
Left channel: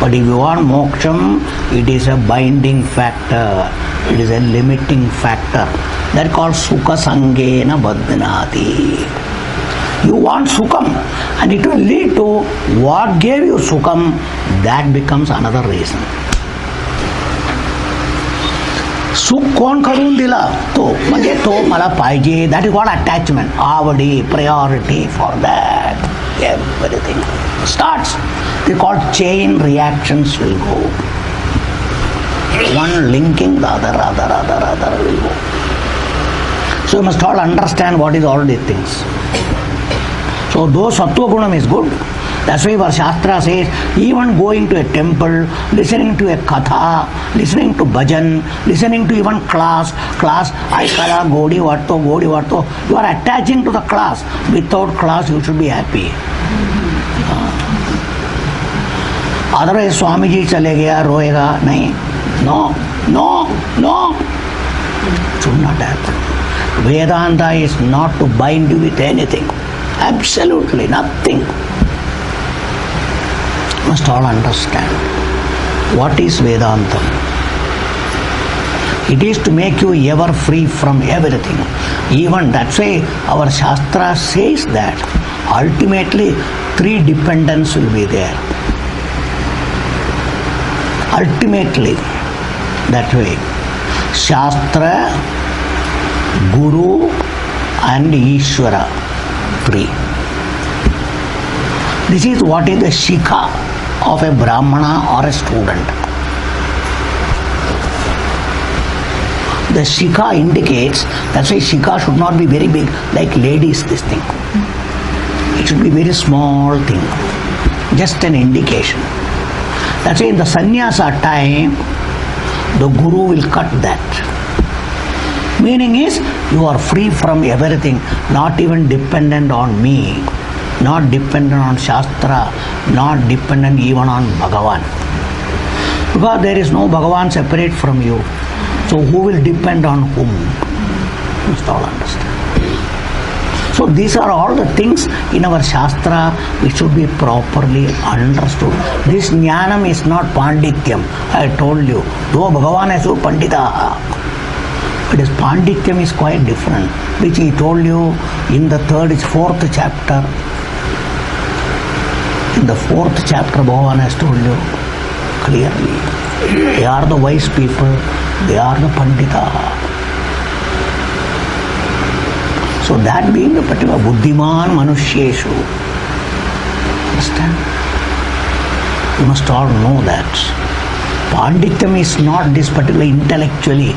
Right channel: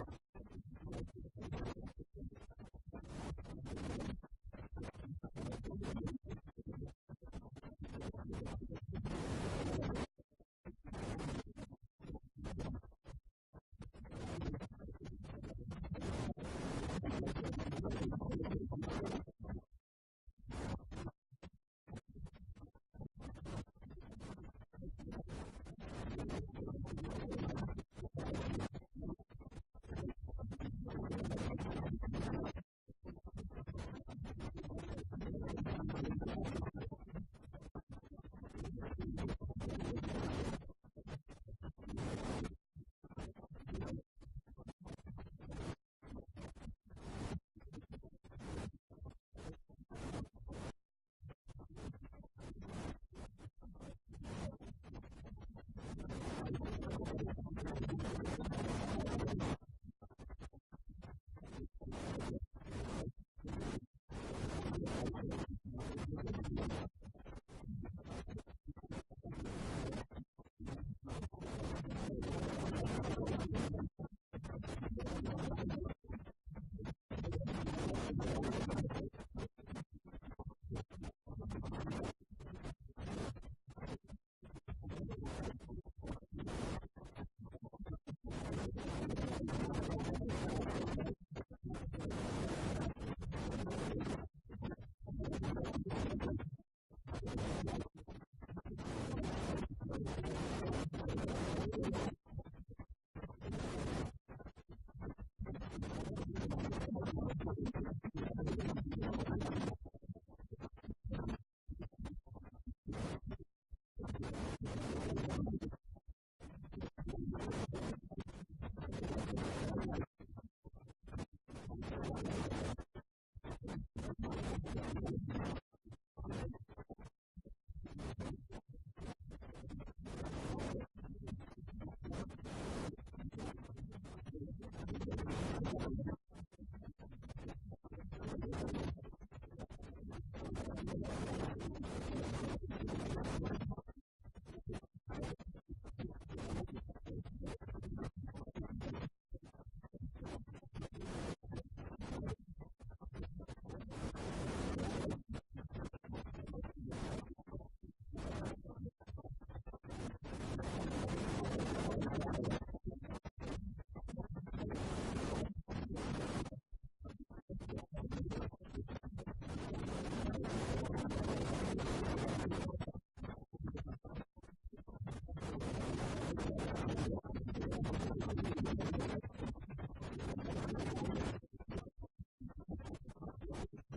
But if you want moksham, it is a binding factor. It is a limiting factor. That called sukha sangena badhanati. You want sukham, and it will lead to what gave you sukham. That becomes another reason. सुख कोण करून दिला? तो म्हणजे तो मला पाहिजे. That is what attachment. Avadi, priority for that. Everything starts. They called chain reactions will go. One linking the other will go. So you must all understand what is all these things. So though sattva gunam is good, that's why our Shastra says even going to a temple, listening to a katha, listening to bhajan, listening to even class, aikala, godi varto, you are attaching to the class. Without class you should be happy. Otherwise Swami ji chale gaya, roega, nahi. No. It should not happen. Vedanta is not to bind you with anything. Absolutely nothing. You must all understand. What is Vedanta? It is to make you ever free from everything. Even that's why our Shastra says that ultimately 3 dependents will be there. Ultimately, that way. Shastra, Guru and Ishvara. 3. This is what is the shikha of a Brahmana or a student. The shikha indicates, that's why shikha should not be very big, like ladies, this thing. It should be very small thing, just an indication. That's why in the sannyasa time, the guru will cut that. Meaning is, you are free from everything, not even dependent on me, not dependent on Shastra, not dependent even on Bhagavan. Because there is no Bhagavan separate from you. So who will depend on whom? You must all understand. So these are all the things in our Shastra which should be properly understood. This jnanam is not pandityam. I told you, though Bhagavan has pandita, but his pandityam is quite different, which he told you in the 4th chapter. In the 4th chapter, Bhagavan has told you clearly. They are the wise people, they are the pandita. So that being the particular buddhiman manushyeshu. Understand? You must all know that. Pandityam is not this particular intellectually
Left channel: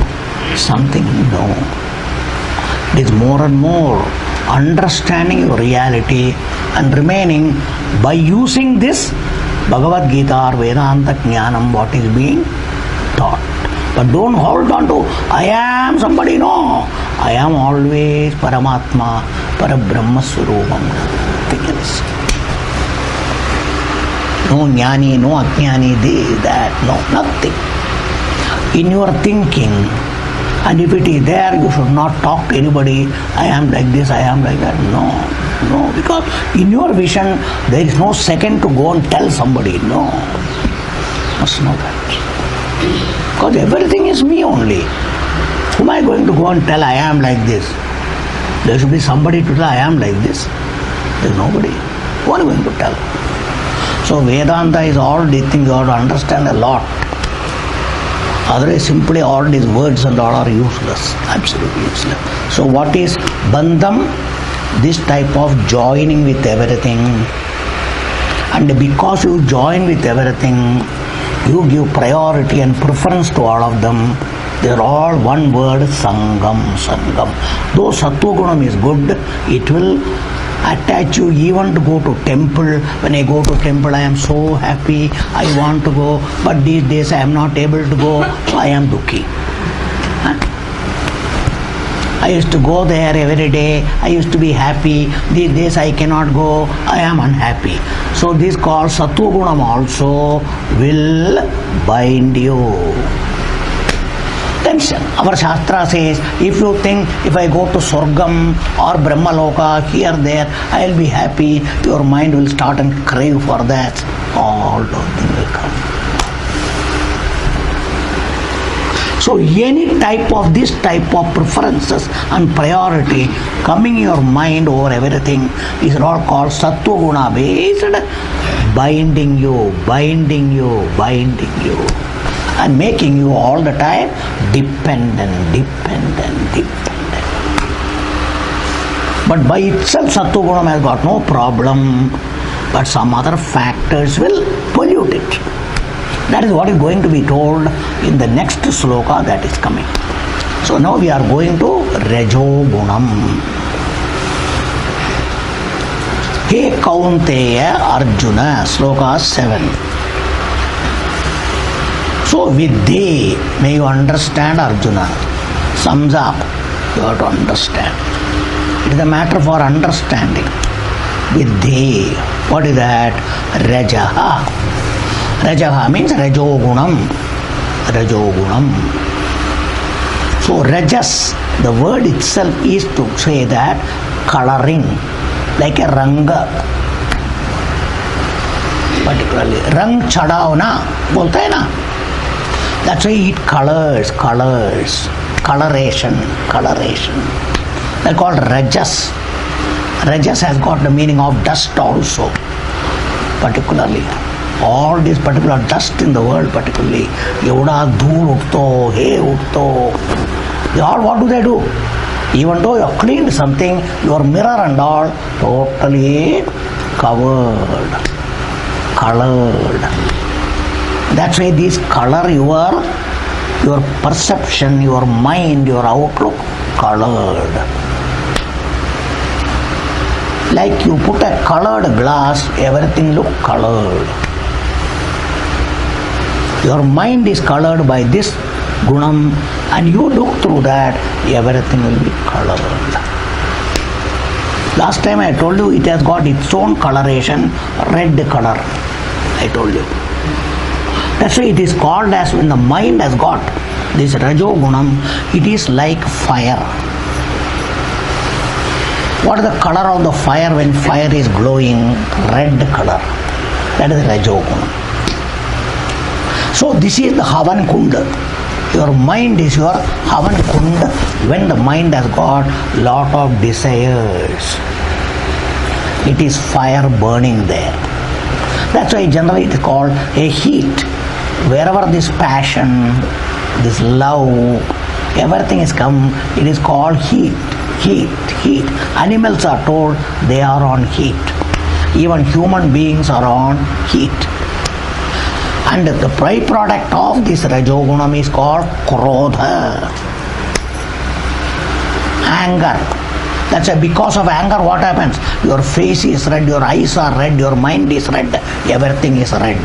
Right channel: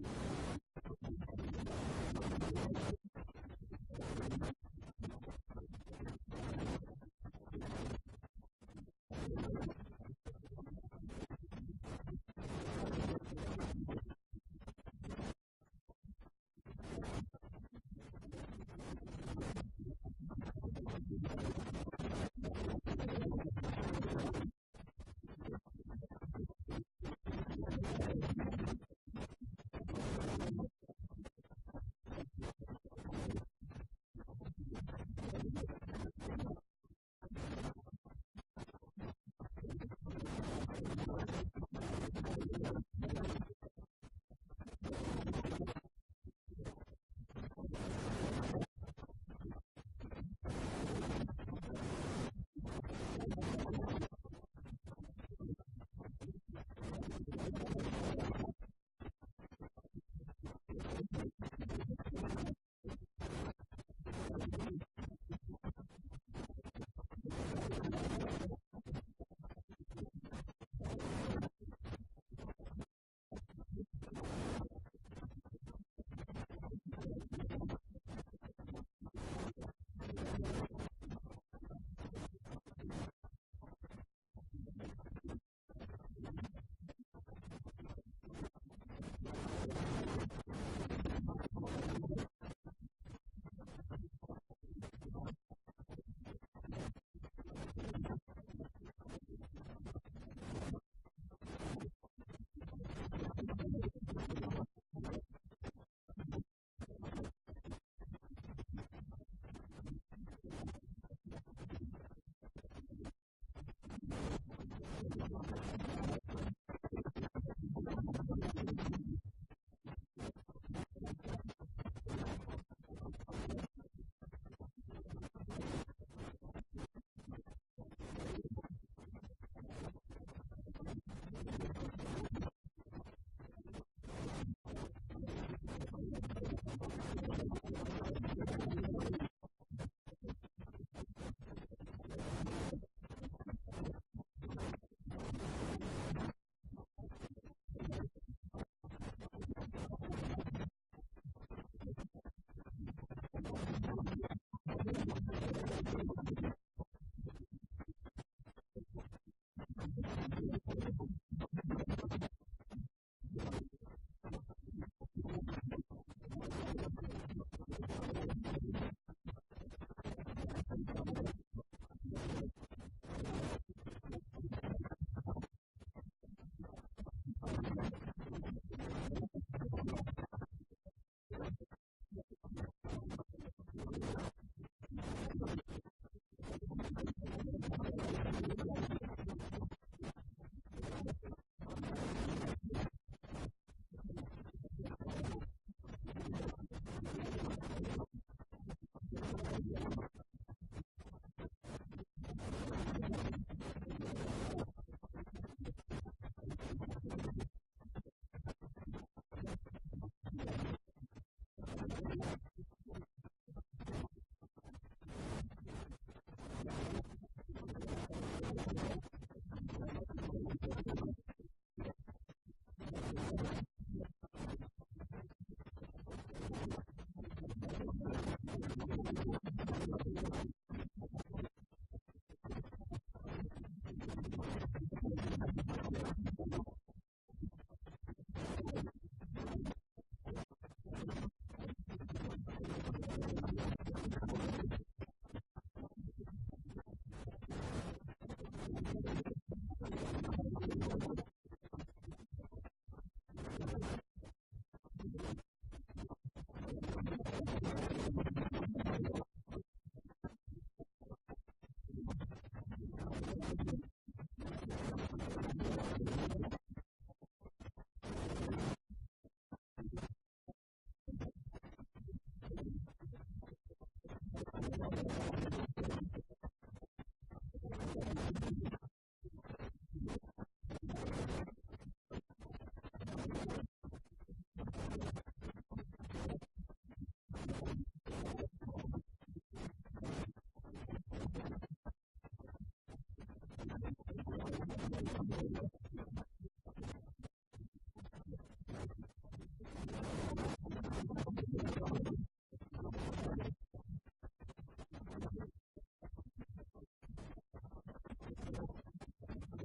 something, no. It is more and more understanding your reality and remaining by using this Bhagavad Gita or Vedanta Jnanam, what is being taught. But don't hold on to, I am somebody, no. I am always Paramatma, Parabrahma Swarupam, nothing else. No jnani, no ajnani, this, that, no, nothing. In your thinking, and if it is there, you should not talk to anybody, I am like this, I am like that. No, because in your vision, there is no second to go and tell somebody, no. Must know that. Because everything is me only. Who am I going to go and tell I am like this? There should be somebody to tell I am like this. There is nobody. Who are you going to tell? So Vedanta is all these things you have to understand a lot. Otherwise simply all these words and all are useless. Absolutely useless. So what is bandham? This type of joining with everything. And because you join with everything, you give priority and preference to all of them. They are all one word, sangam. Though sattva gunam is good, it will attach you even to go to temple. When I go to temple, I am so happy, I want to go, but these days I am not able to go, so I am dukhi. I used to go there every day, I used to be happy, these days I cannot go, I am unhappy. So this called Sattva Gunam also will bind you. Tension. Our Shastra says, if you think if I go to Swargam or Brahmaloka, here, there, I will be happy, your mind will start and crave for that. All those things will come. So any type of this type of preferences and priority coming in your mind over everything is all called Sattva Guna based, binding you, and making you all the time dependent. But by itself Sattva Guna has got no problem, but some other factors will pollute it. That is what is going to be told in the next sloka that is coming. So now we are going to Rajo Gunam. He Kaunteya Arjuna, sloka 7. So with thee, may you understand Arjuna. Sums up, you have to understand. It is a matter for understanding. With thee, what is that? Rajaha. Rajaha means Rajogunam. So Rajas, the word itself is to say that coloring, like a ranga. Particularly, rang chadao na, bolte hai na. That's why it colors, coloration. They're called Rajas. Rajas has got the meaning of dust also, particularly. All this particular dust in the world, particularly, Yoda, Dhool, Utto, Hey, Utto, they all, what do? Even though you have cleaned something, your mirror and all, totally covered, colored. That's why these color your perception, your mind, your outlook, colored. Like you put a colored glass, everything look colored. Your mind is colored by this gunam, and you look through that, everything will be colored. Last time I told you it has got its own coloration, red color. I told you. That's why it is called as, when the mind has got this Rajo Gunam, it is like fire. What is the color of the fire when fire is glowing? Red color. That is Rajo Gunam. So this is the Havan Kunda. Your mind is your Havan Kunda when the mind has got lot of desires. It is fire burning there. That's why generally it is called a heat. Wherever this passion, this love, everything is come, it is called heat. Animals are told they are on heat. Even human beings are on heat. And the byproduct of this Rajogunam is called Krodha. Anger. That's why because of anger what happens? Your face is red, your eyes are red, your mind is red, everything is red.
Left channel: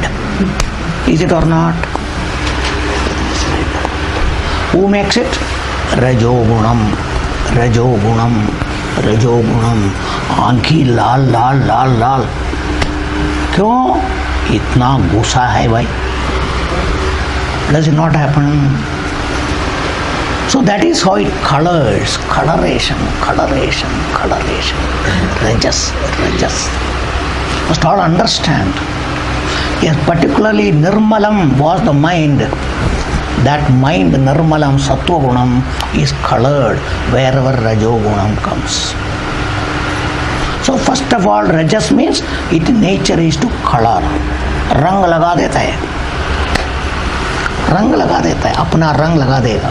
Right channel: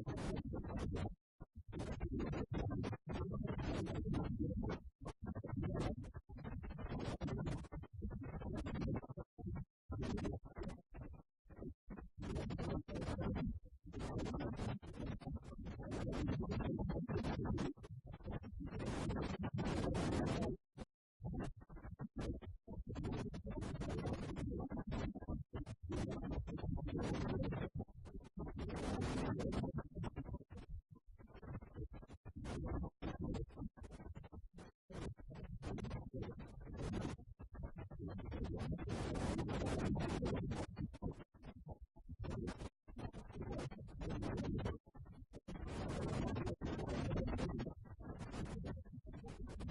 Is it or not? Who makes it? Rajogunam. आंखी लाल क्यों? इतना गुस्सा है भाई. Does it not happen? So that is how it colors. Coloration. Rajas. Must all understand. Yes, particularly Nirmalam was the mind. That mind, Nirmalam, Sattva Gunam, is colored wherever Rajo Gunam comes. So first of all, Rajas means its nature is to color. Rang laga deta hai. Apna rang laga dega.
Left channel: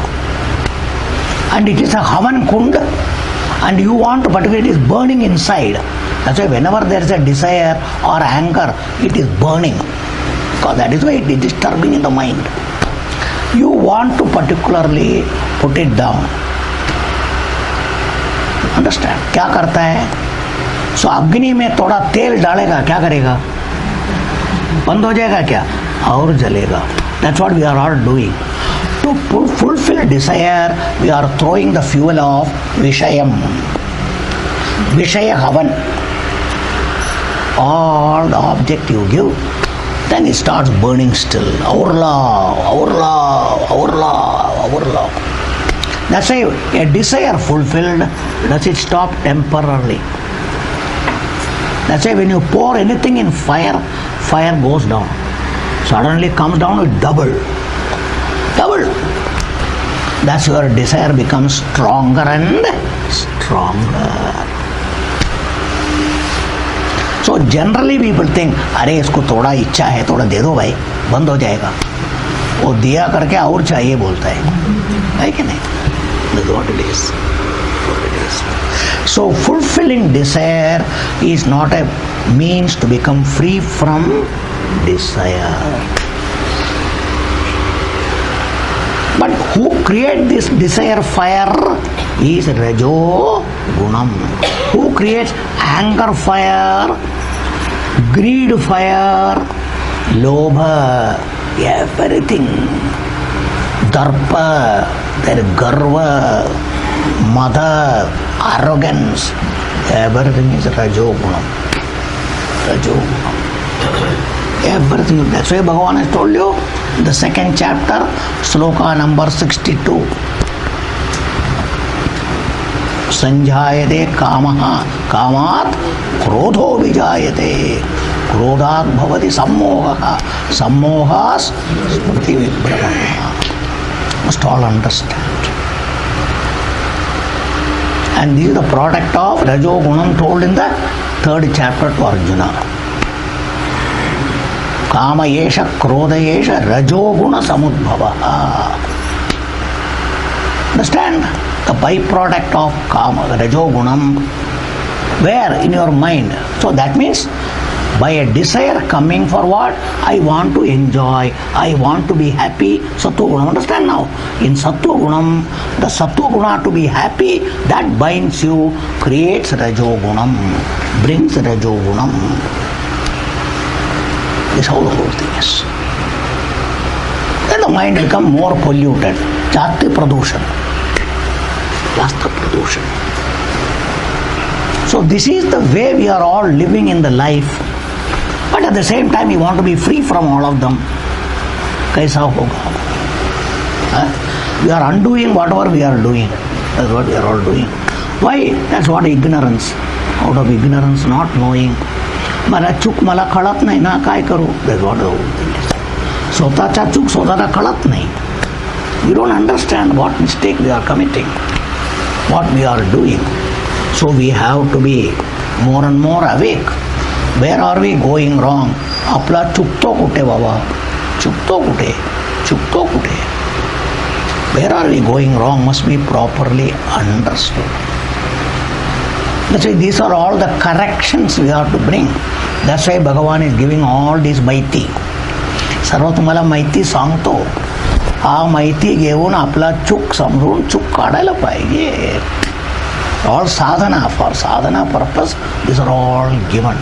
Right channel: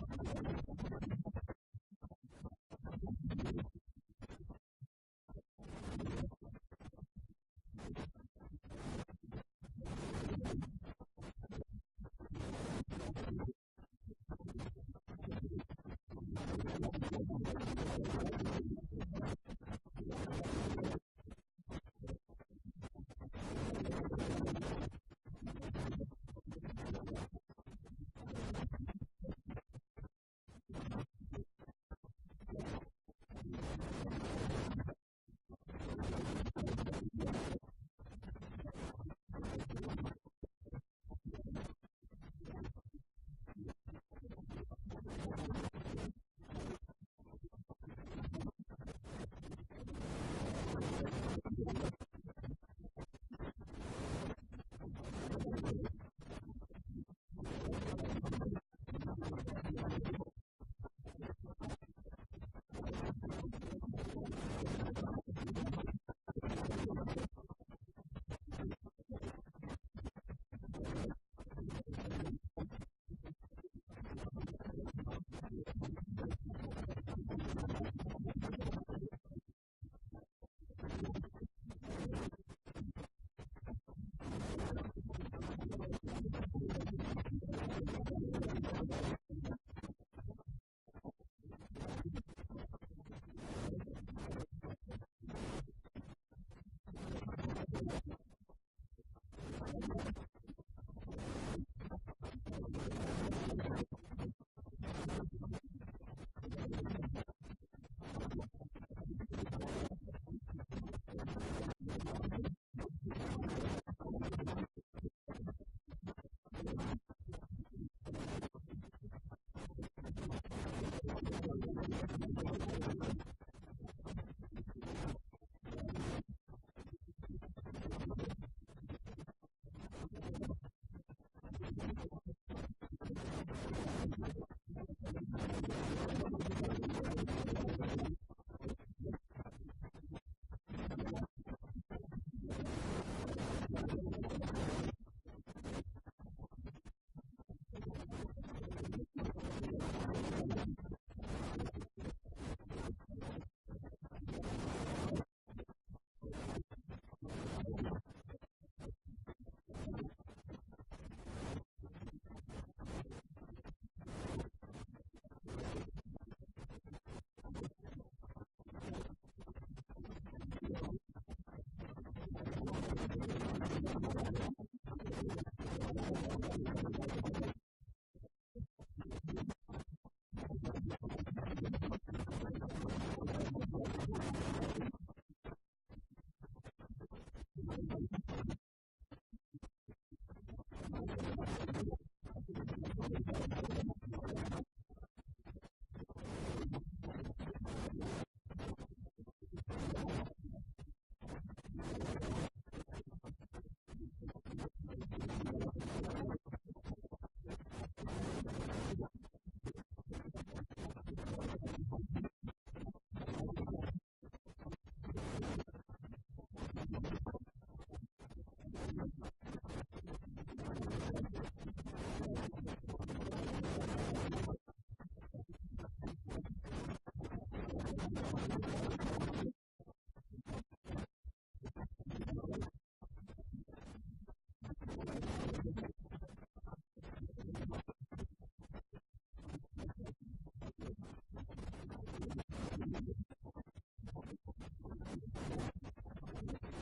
And it is a Havan Kund, and you want to, particularly it is burning inside. That's why whenever there is a desire or anger, it is burning. Because that is why it is disturbing in the mind. You want to particularly put it down. Understand? क्या करता है? सो अग्नि में थोड़ा तेल डालेगा, क्या करेगा? बंद हो जाएगा क्या? और जलेगा. That's what we are all doing. To fulfill desire, we are throwing the fuel of Vishayam. Vishaya Havan. All the object you give, then it starts burning still. Our love, our love, our love, our love. That's why a desire fulfilled, does it stop temporarily? That's why when you pour anything in fire, fire goes down. Suddenly comes down with double. Double. That's where desire becomes stronger and stronger. So generally people think, अरे इसको थोड़ा इच्छा है, थोड़ा दे दो भाई, बंद हो जाएगा. वो दिया करके और चाहिए बोलता है कि नहीं? That's what it is. So fulfilling desire is not a means to become free from desire. But who creates this desire fire is Rajo Gunam. Who creates anger fire, greed fire, Lobha, everything. Darpa, their Garva, Mother, arrogance, everything is Rajo Gunam. Rajo Gunam. Everything. That's why Bhagavan has told you the second chapter, sloka number 62. Sanjayate kamaha, kamat krodho vijayate, krodhat bhavati sammohaha, sammohas smriti vibhrama. Must all understand. And this is the product of Rajo Gunam told in the third chapter to Arjuna. Kama yesha krodha yesha Rajo Guna samudbhava. Understand? The byproduct of Kama, Rajo Gunam, where in your mind. So that means by a desire coming for what? I want to enjoy, I want to be happy. Sattva Gunam. Understand now? In Sattva Gunam, the Sattva Guna to be happy, that binds you, creates Rajo Gunam, brings Rajo Gunam. This is how the whole thing is. Then the mind becomes more polluted. Jati Pradushan. Jasta Pradushan. So this is the way we are all living in the life. But at the same time, we want to be free from all of them. Kaisa hoga? We are undoing whatever we are doing. That's what we are all doing. Why? That's what ignorance. Out of ignorance, not knowing. मला चूक मला कळत नाही ना, काय करू? That's what the whole thing is. स्वतःचा चूक स्वतःला कळत नाही. We don't understand what mistake we are committing, what we are doing. So we have to be more and more awake. Where are we going wrong? आपला चुकतो कुठे बाबा? चुकतो कुठे? चुकतो कुठे? Where are we going wrong must be properly understood. That's why these are all the corrections we have to bring. That's why Bhagavan is giving all this माहिती. सर्व तुम्हाला माहिती सांगतो. हा माहिती घेऊन आपला चूक समजून चूक काढायला पाहिजे. All sadhana, for sadhana purpose, these are all given.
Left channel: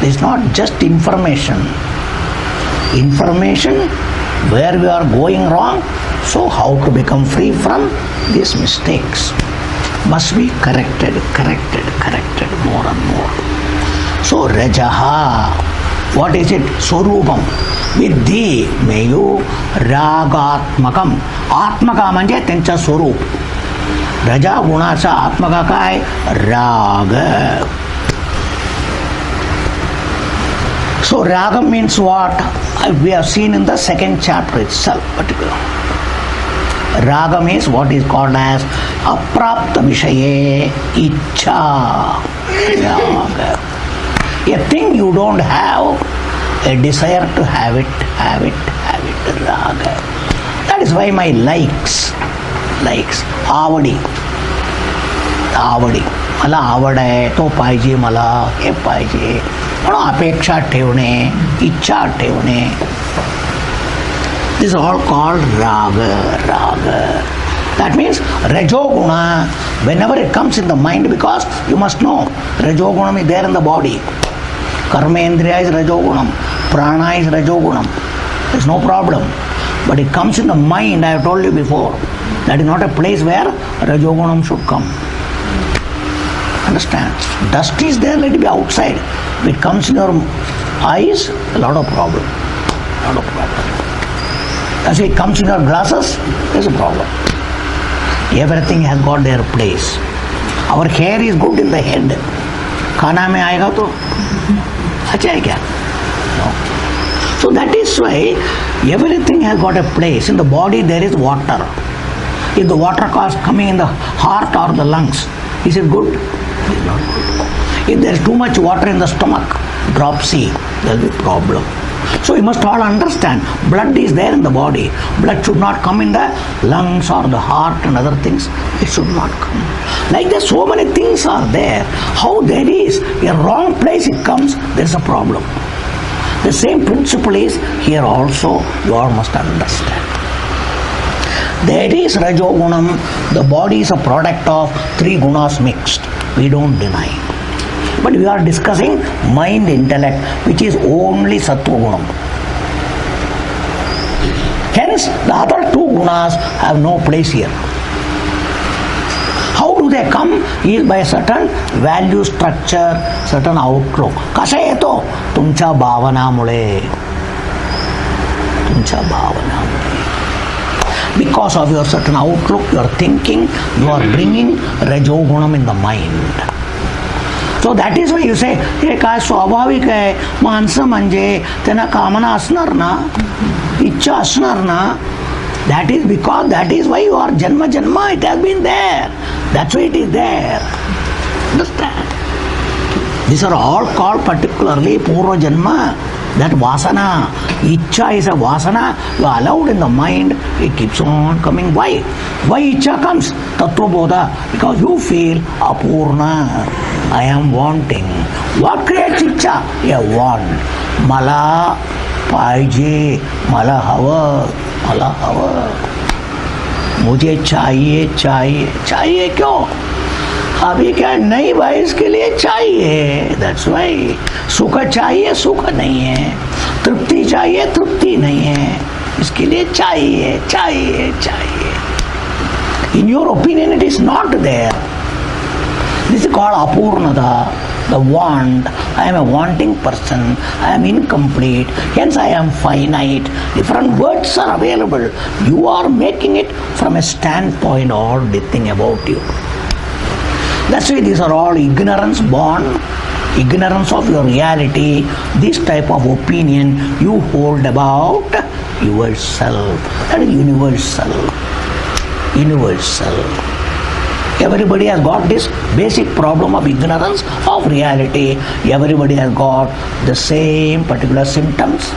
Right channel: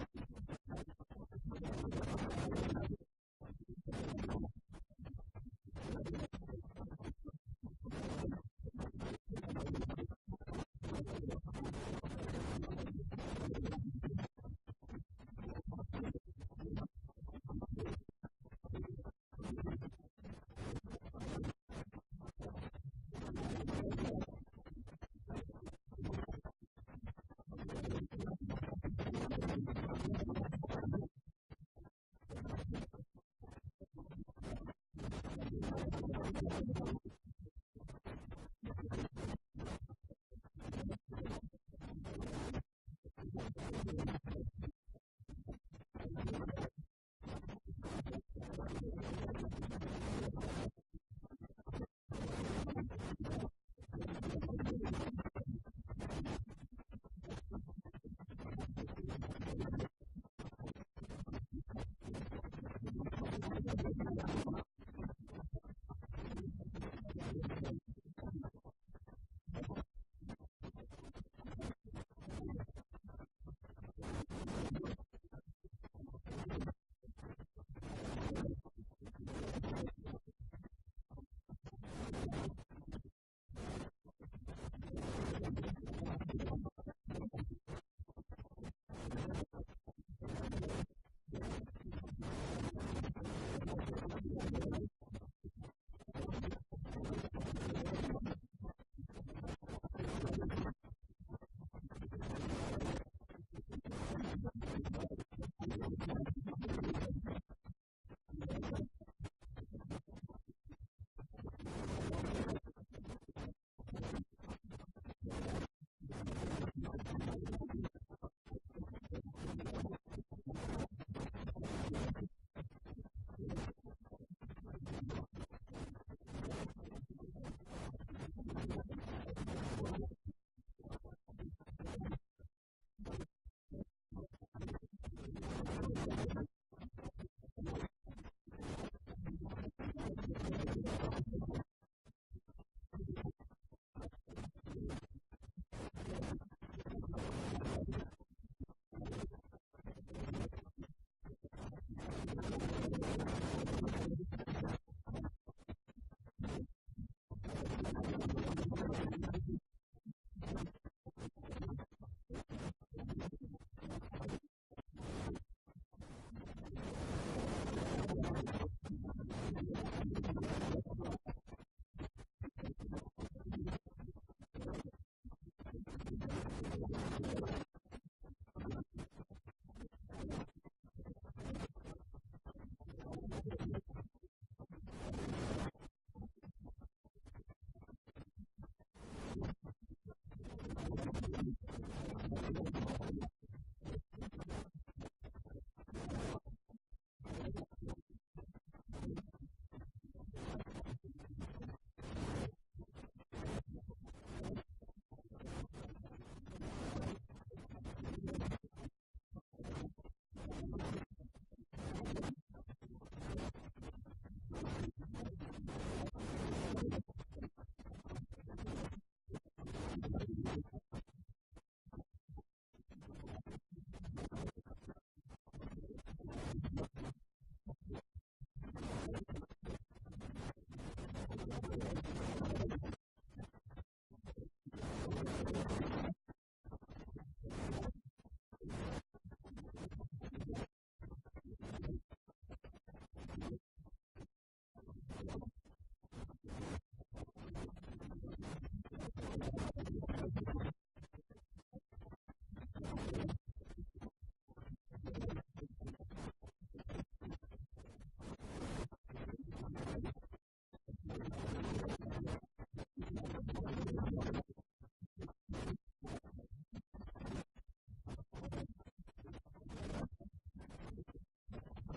This is not just information. Information where we are going wrong, so how to become free from these mistakes must be corrected more and more. So Rajaha, what is it? Swarupam. Vidhi meyu ragatmakam. Atmaka म्हणजे त्यांचा स्वरूप. रजा गुणाचा आत्मका काय? राग. So raga means what? We have seen in the second chapter itself particular. Raga means what is called as aprapta vishaye ichcha. Raga. A thing you don't have, a desire to have it. Raga. That is why my likes, आवडी. मला आवड आहे, तो पाहिजे मला, हे पाहिजे म्हणून अपेक्षा ठेवणे, इच्छा ठेवणे. This is all called raga. That means Rajoguna Whenever it comes in the mind, because you must know, Rajogunam is there in the body. Karmendriya is Rajogunam. Prana is Rajogunam. There's no problem. But it comes in the mind, I have told you before. That is not a place where Rajogunam should come. Understand? Dust is there, let it be outside. If it comes in your eyes, a lot of problem. As it comes in your glasses, there's a problem. Everything has got their place. Our hair is good in the head. Khana mein aayega to acha hai kya? No. So that is why everything has got a place. In the body there is water. If the water is coming in the heart or the lungs, is it good? It is not good. If there is too much water in the stomach, dropsy, there will be problem. So you must all understand, blood is there in the body. Blood should not come in the lungs or the heart and other things. It should not come. Like that, so many things are there. How there is a wrong place it comes, there is a problem. The same principle is here also, you all must understand. That is Rajogunam. The body is a product of three gunas mixed. We don't deny. But we are discussing mind, intellect, which is only Sattva Gunam. Hence, the other two gunas have no place here. How do they come? Is by a certain value structure, certain outlook. Kasa hai to? Tumcha bhavana mule. Tumcha bhavana mule. Because of your certain outlook, your thinking, you are bringing Rajogunam in the mind. So that is why you say, हे काय स्वाभाविक आहे, माणसं म्हणजे त्यांना कामना असणार ना, इच्छा असणार ना. That is because, that is why you are janma, it has been there. That's why it is there. Understand? These are all called particularly Purva Janma. That vasana, Ichcha is a vasana, you are allowed in the mind, it keeps on coming. Why? Why Ichcha comes? Tattva Bodha. Because you feel Apurna, I am wanting. What creates Ichcha? A want. Mala paije, mala hava. मुझे चाहिए क्यों? अभी क्या नहीं भाई, इसके लिए चाहिए. That's why. सुख चाहिए, सुख नहीं है. तृप्ति चाहिए, तृप्ति नहीं है. इसके लिए चाहिए. In your opinion, it is not there. This is called apurnata, the want. I am a wanting person. I am incomplete. Hence I am finite. Different words are available. You are making it from a standpoint or the thing about you. That's why these are all ignorance born, ignorance of your reality. This type of opinion you hold about yourself. That is universal. Everybody has got this basic problem of ignorance of reality. Everybody has got the same particular symptoms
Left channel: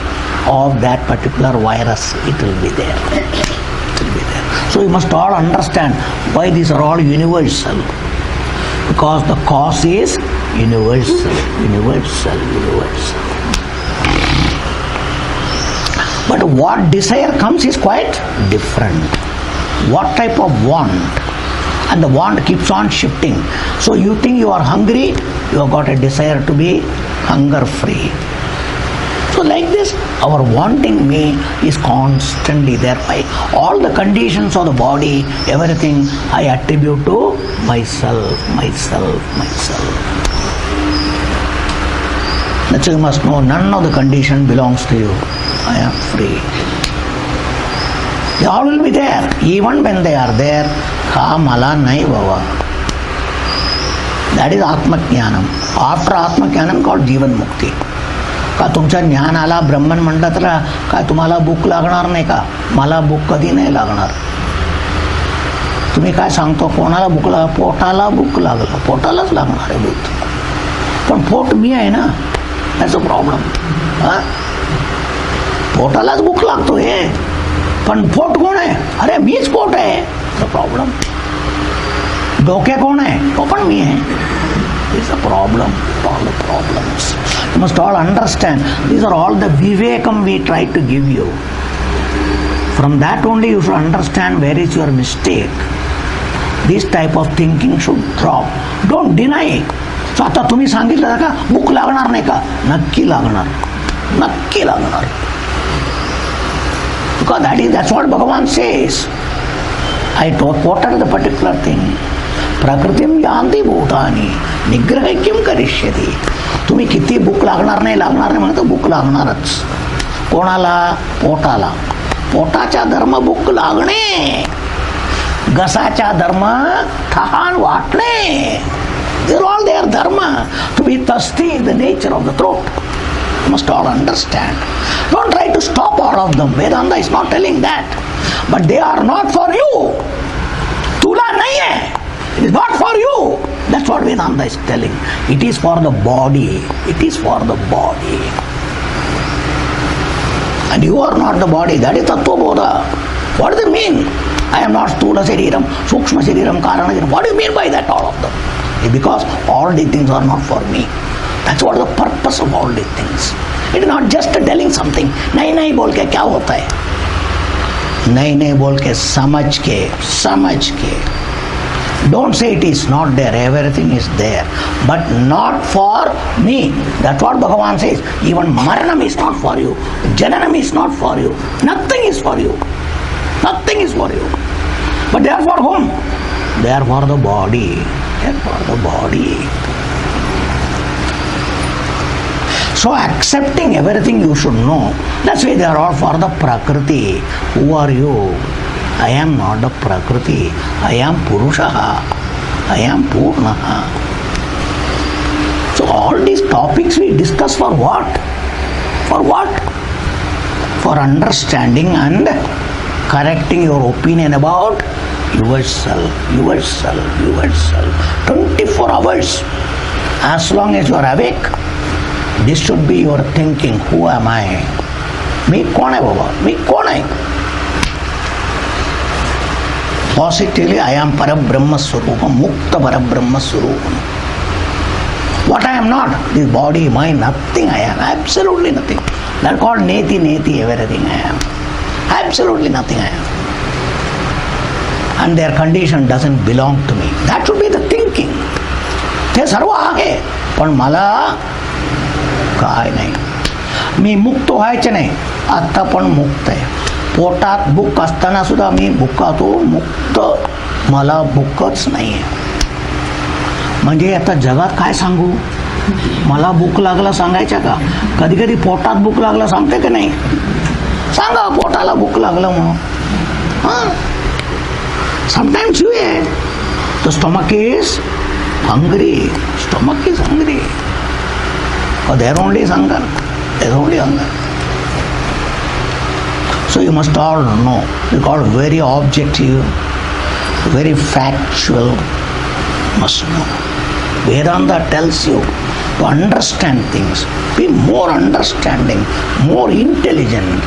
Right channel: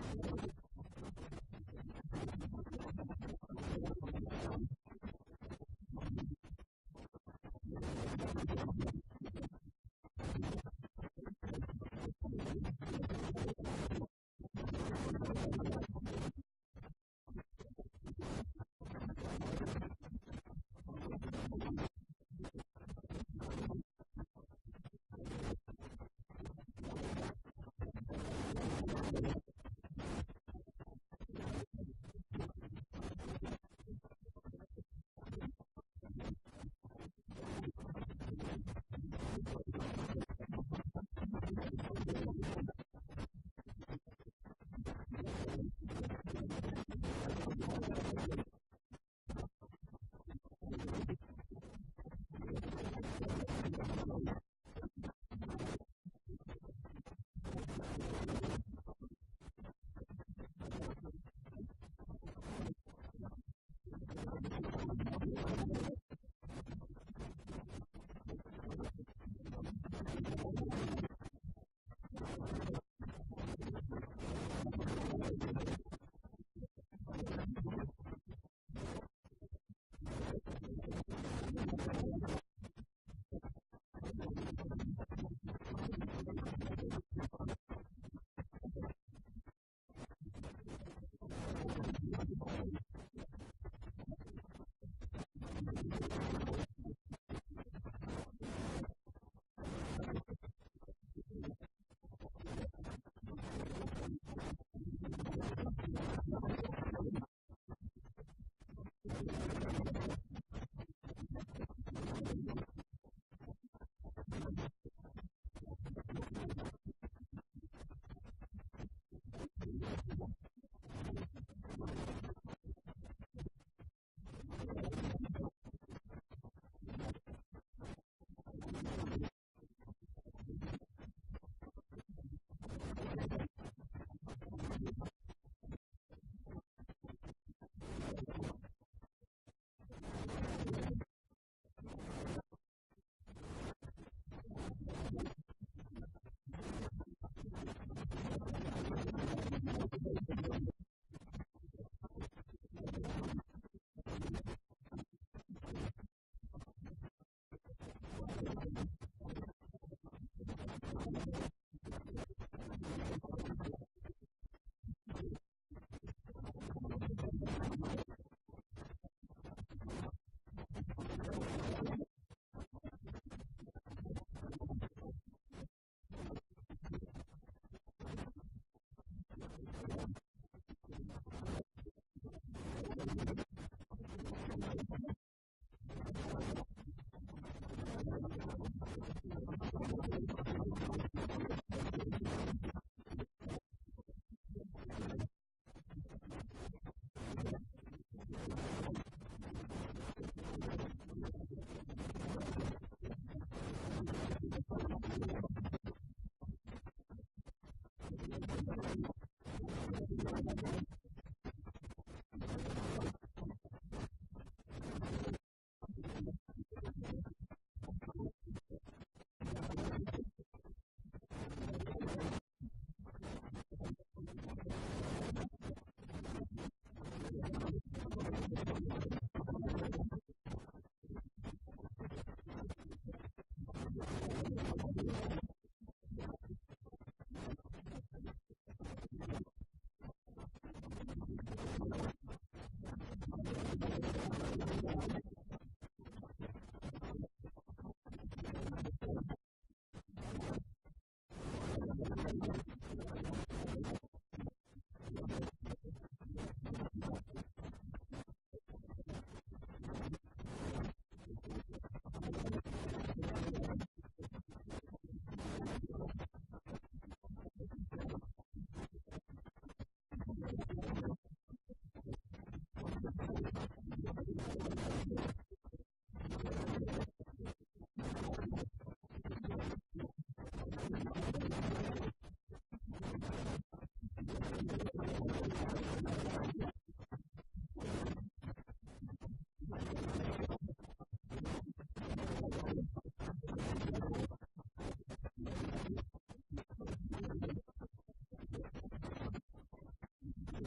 of that particular virus. It will be there. So you must all understand why these are all universal. Because the cause is universal. But what desire comes is quite different. What type of want? And the want keeps on shifting. So you think you are hungry, you have got a desire to be hunger free. So like this, our wanting me is constantly there. By all the conditions of the body, everything I attribute to myself. That's why you must know, none of the condition belongs to you. I am free. They all will be there. Even when they are there, ka mala nahi bhava. That is Atma Jnanam. After Atma Jnanam called Jivan Mukti. का तुमचं ज्ञान आला, ब्रह्मन म्हणलं तर काय तुम्हाला भूक लागणार नाही का? मला भूक कधी नाही लागणार. तुम्ही काय सांगतो, कोणाला भूक लागला? पोटाला भूक लागला, पोटालाच लागणार आहे भूक. पण पोट मी आहे ना, त्याचा प्रॉब्लेम. पोटालाच भूक लागतोय, पण पोट कोण आहे? अरे मीच पोट आहे. प्रॉब्लेम. डोके कोण आहे? तो पण मी आहे. This is a problem. All the problems. You must all understand. These are all the vivekam we try to give you. From that only you should understand where is your mistake. This type of thinking should drop. Don't deny. So आता तुम्ही सांगितलं का भूक लागणार नाही का? नक्की लागणार. नक्की लागणार. Because that's what Bhagavan says. I quoted the particular thing. प्रकृतीम यांती भूतानी निग्रह किम करिष्यति. तुम्ही किती भूक लागणार नाही म्हणत भूक लागणारच. कोणाला? पोटाला. पोटाचा धर्म भूक लागणे. घसाचा धर्म तहान वाटणे. These are all their dharma. To be thirsty is the nature of the throat. You must all understand. Don't try to stop all of them. Vedanta is not telling that. But they are not for you. Tula nahi hai. It is not for you. That's what Vedanta is telling. It is for the body. It is for the body. And you are not the body. That is Tattva Bodha. What does it mean? I am not Stula Shariram, Sukshma Shariram, Karana Shariram. What do you mean by that, all of them? Because all these things are not for me. That's what the purpose of all these things. It is not just telling something. नहीं नहीं बोल के क्या होता है? नहीं नहीं बोल के समझ के. Don't say it is not there. Everything is there, but not for me. That's what Bhagavan says. Even Maranam is not for you. Jananam is not for you. Nothing is for you. Nothing is for you. But they are for whom? They are for the body. They are for the body. So accepting everything you should know. That's why they are all for the Prakriti. Who are you? I am not the Prakriti. I am Purushaha. I am Purnaha. So all these topics we discuss for what? For what? For understanding and correcting your opinion about yourself. 24 hours. As long as you are awake, this should be your thinking. Who am I? Me kaun hai baba? Me kaun hai? Positively, I am Parabrahma Swarupam, Mukta Parabrahma Swarupam. What I am not? This body, mind, nothing I am. Absolutely nothing. They are called Neti, everything I am. Absolutely nothing I am. And their condition doesn't belong to me. That should be the thinking. ते सर्व आहे, पण मला काय नाही. मी मुक्त व्हायचे नाही, आता पण मुक्त आहे. पोटात भूक असताना सुद्धा मी भुकातो, मुक्त. मला भूकच नाही आहे. म्हणजे आता जगात काय सांगू? मला भूक लागला सांगायच्या का? कधी कधी पोटात भूक लागला सांगते की नाही? सांगा पोटाला भूक लागलं म्हणून. Sometimes you eat. The stomach is hungry. Stomach is hungry. Or there only is hunger. There is only hunger. So you must all know. It's called very objective, very factual. Must know. Vedanta tells you to understand things. Be more understanding, more intelligent.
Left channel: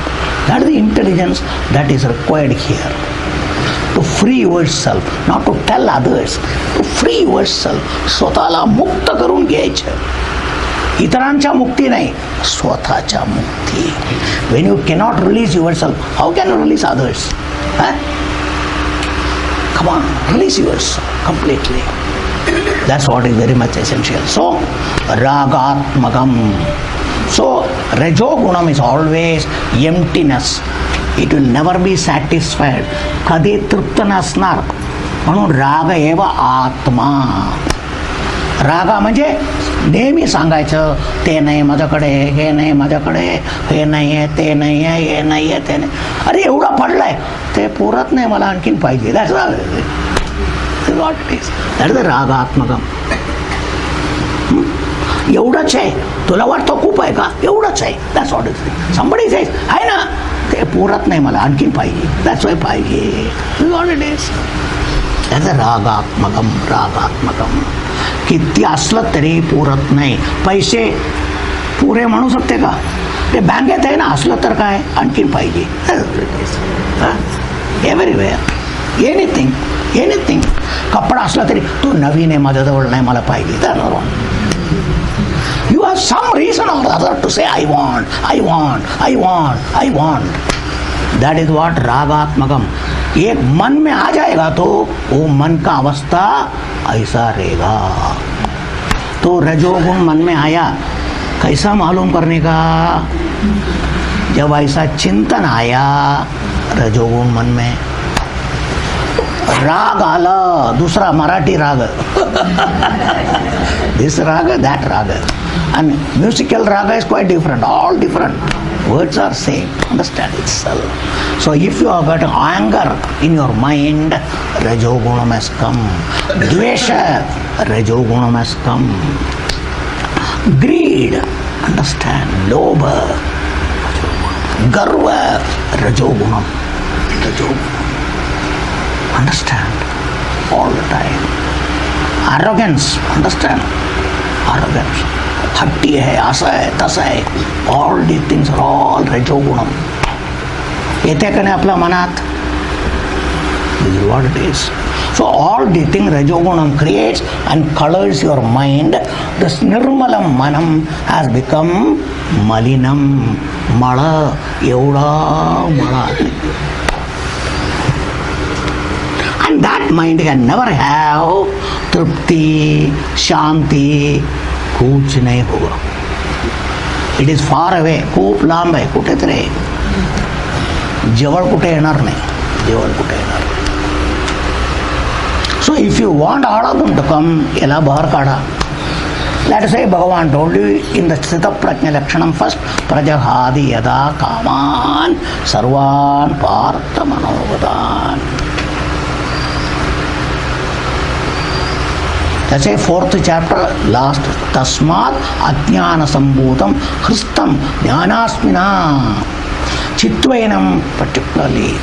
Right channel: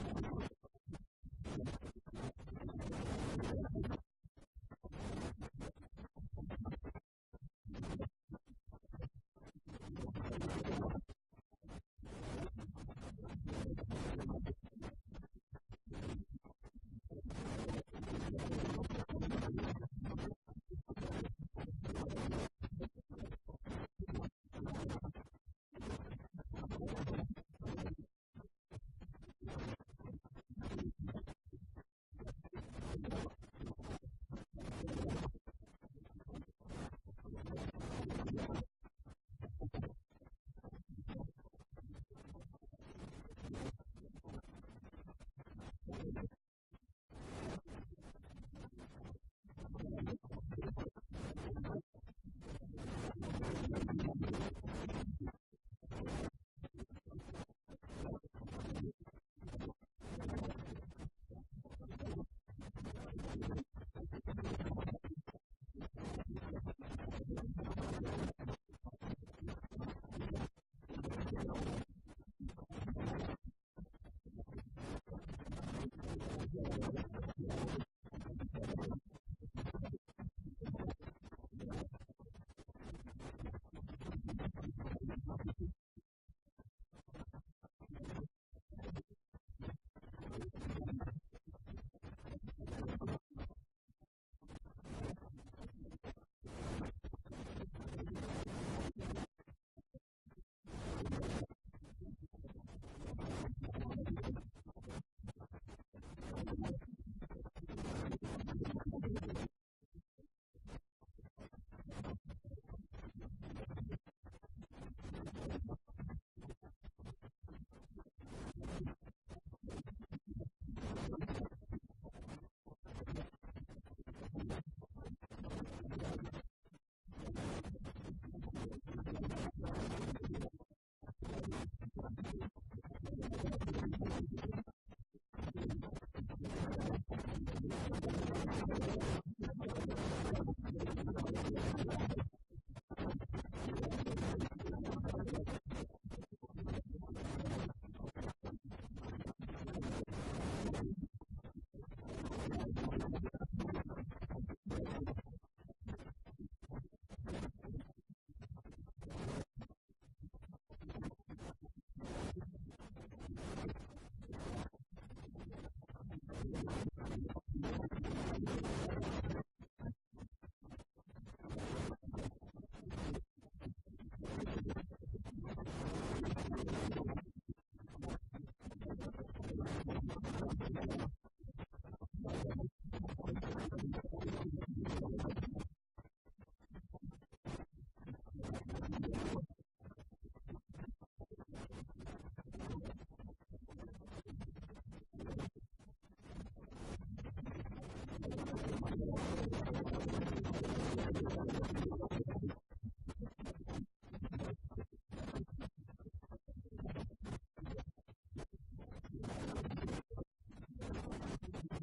That is the intelligence that is required here. To free yourself, not to tell others. To free yourself. स्वतःला मुक्त करून घ्यायचं. इतरांच्या मुक्ती नाही, स्वतःच्या मुक्ती. When you cannot release yourself, how can you release others? Come on, release yourself completely. That's what is very much essential. So, ragatmakam. So, rajogunam is always emptiness. It will never be satisfied. कधी तृप्त नसणार. म्हणून राग एव आत्मा. रागा म्हणजे नेहमी सांगायचं, ते नाही माझ्याकडे, हे नाही माझ्याकडे, हे नाही आहे, ते नाही आहे, हे नाही आहे, ते नाही. अरे एवढा पडलाय, ते पुरत नाही, मला आणखीन पाहिजे. That's what it is. That is the रागात्मकम. एवढंच आहे, तुला वाटतं खूप आहे का? एवढंच आहे. That's what it is. Somebody says आहे ना, ते पुरत नाही, मला आणखीन पाहिजे. दॅट्स वाय पाहिजे. What it is. That's the रागात्मकम. किती असलं तरी पुरत नाही. पैसे पुरे म्हणू शकते का? ते बँकेत आहे ना, असलं तर काय, आणखीन पाहिजे. Everywhere, anything. कपडा असला तरी तो नवीन आहे, माझ्याजवळ नाही, मला पाहिजे. You have some reason or other to say I want. That is what ragatmakam. एक मन में आ जाएगा तो वो मन का अवस्था ऐसा रहेगा। तो रजोगुण मन में आया, कैसा मालूम करने का? जब ऐसा चिंतन आया रजोगुण मन में, राग आला, दूसरा मराठी राग दिस राग, that राग, and musical raga is quite different, all different, words are same, understand itself. So if you have got anger in your mind, rajogunam has come. Dvesha, rajogunam has come. Greed, understand, lobha, garva, rajogunam, understand, all the time. Arrogance, understand, arrogance. हट्टी है, ऐसा है, तसा है, all these things are all rajogunam. येते कने आपल्या मनात, this is what it is. So all these things rajogunam creates and colors your mind. This nirmalam manam has become malinam, mala, evda mala. And that mind can never have tripti, shanti, कुछ नहीं होगा. It is far away, खूप लांब आहे, कुठेच रे, जवळ कुठे येणार नाही, जवळ कुठे येणार. So if you want all of them to come, याला बाहेर काढा. लेट से भगवान टोल्ड यू इन द स्थित प्रज्ञ लक्षणम फर्स्ट, प्रजहादि यदा कामान सर्वान Partha मनोगतान. That's a fourth chapter, last. Tasmat ajnana sambhutam hristam jnanasmina chitvainam, particularly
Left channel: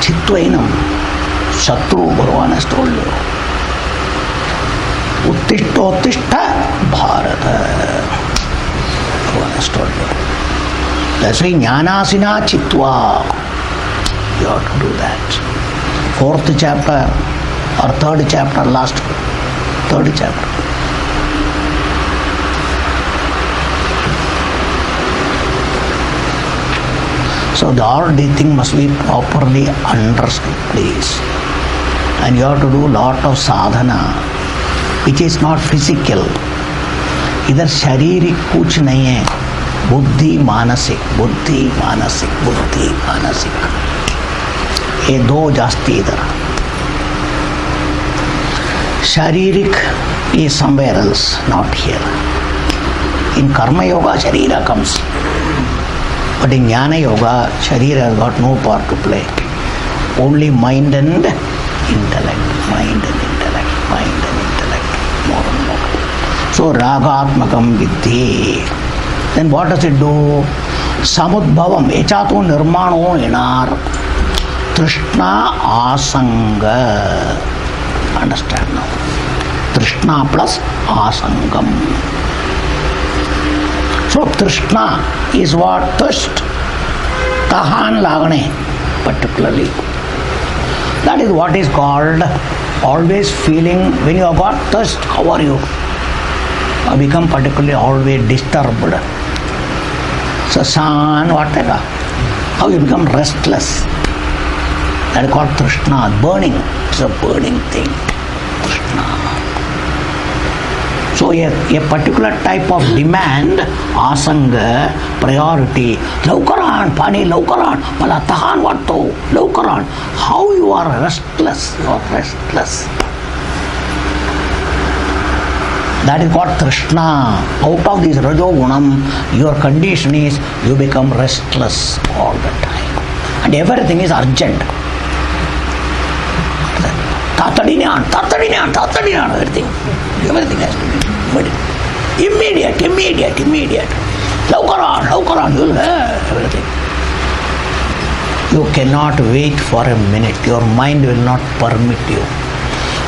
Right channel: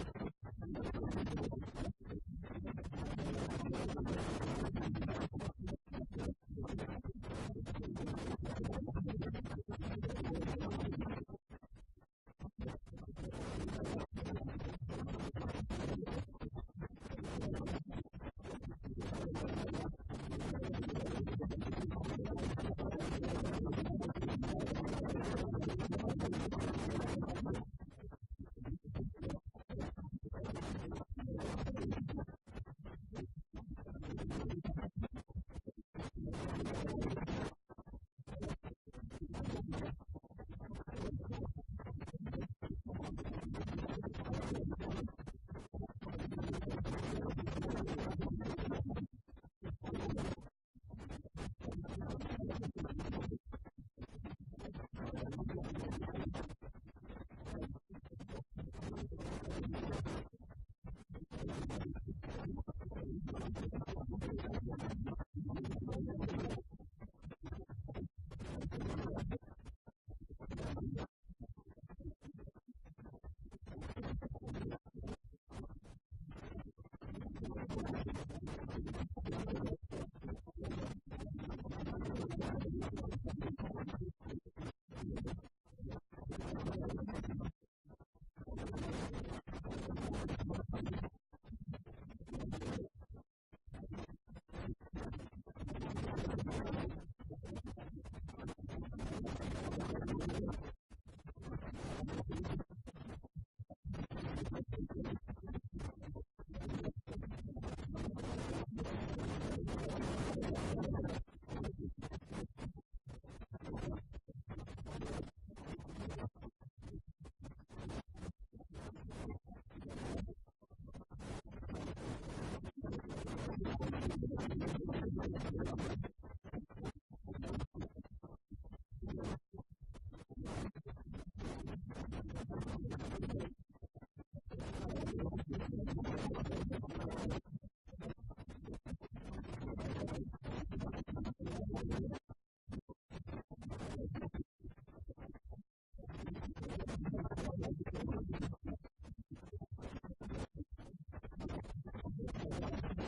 chitvainam, Shatru, Bhagavan has told you. Uttishta Bharata, Bhagavan has told you. That's why jnanasina chitva, you have to do that. Fourth chapter or third chapter, last third chapter. So all these things must be properly understood, please. And you have to do lot of sadhana, which is not physical. इधर शारीरिक कुछ नहीं है, बुद्धि मानसिक, बुद्धि मानसिक, बुद्धि मानसिक, ये दो जास्ती इधर. Sharirik is somewhere else, not here. In Karma Yoga, Sharira comes. But in Jnana Yoga, Sharira has got no part to play. Only mind and intellect, mind and intellect, mind and intellect, more and more. So Ragatmakam Vidhi. Then what does it do? Samudbhavam, Echatu Nirmano Inar, Trishna Asanga. Understand now. Trishna plus asangam. So Trishna is what? Thirst. Tahan lagane, particularly. That is what is called always feeling. When you have got thirst, how are you? You become particularly always disturbed. So san, what? How you become restless. That is called Trishna, burning. It's a burning thing. Trishna. So a particular type of demand, asanga, priority, laukaran, pani laukaran, pala tahan vatto, laukaran. How you are restless, you are restless. That is called Trishna. Out of this Rajogunam, your condition is you become restless all the time. And everything is urgent. Tatadinyan, everything. Everything has to be immediate. Laukaran, you'll have everything. You cannot wait for a minute. Your mind will not permit you.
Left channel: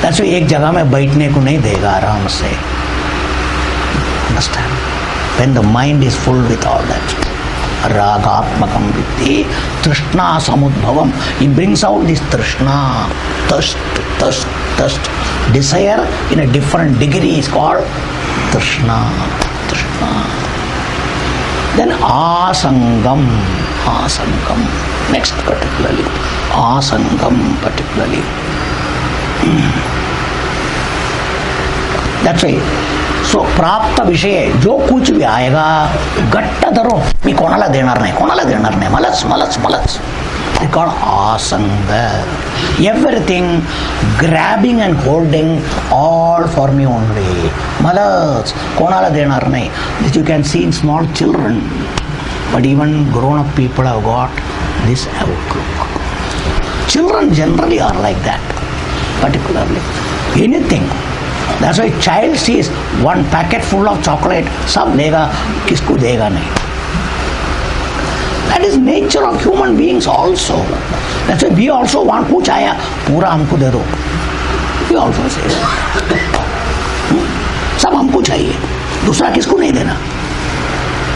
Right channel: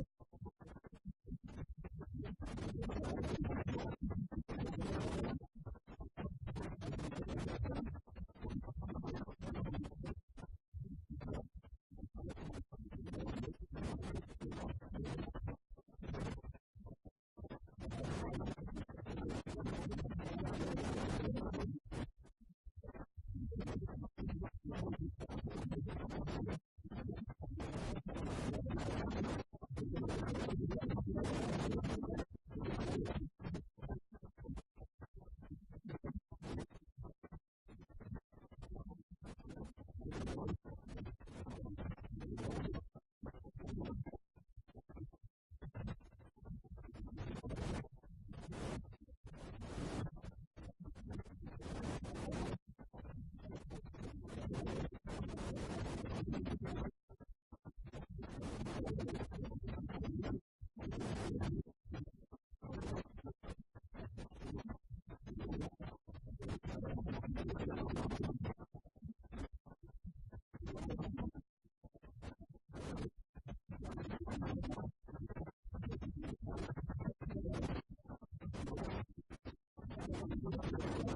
That's why एक जगह में बैठने को नहीं देगा आराम से. Understand? When the mind is full with all that. Ragatmakam Vidhi, Trishna Samudbhavam. He brings out this Trishna, thirst. Desire in a different degree is called Trishna. Then Asangam. Next, particularly, asangam, particularly. That's why. So, प्राप्त विषय जो कुछ भी आएगा गट्ट धरो मी कोणाला देणार नाही मलाच they call asanga. Everything grabbing and holding, all for me only. Malas कोणाला देणार नाही. This you can see in small children, but even grown up people have got this outlook. Children generally are like that, particularly anything. That's why child sees one packet full of chocolate, सब लेगा, किसको देगा नहीं. That is nature of human beings also. That's why we also want कुछ आया पूरा हमको दे दो. We also say सब हमको चाहिए, दूसरा किसको नहीं देना.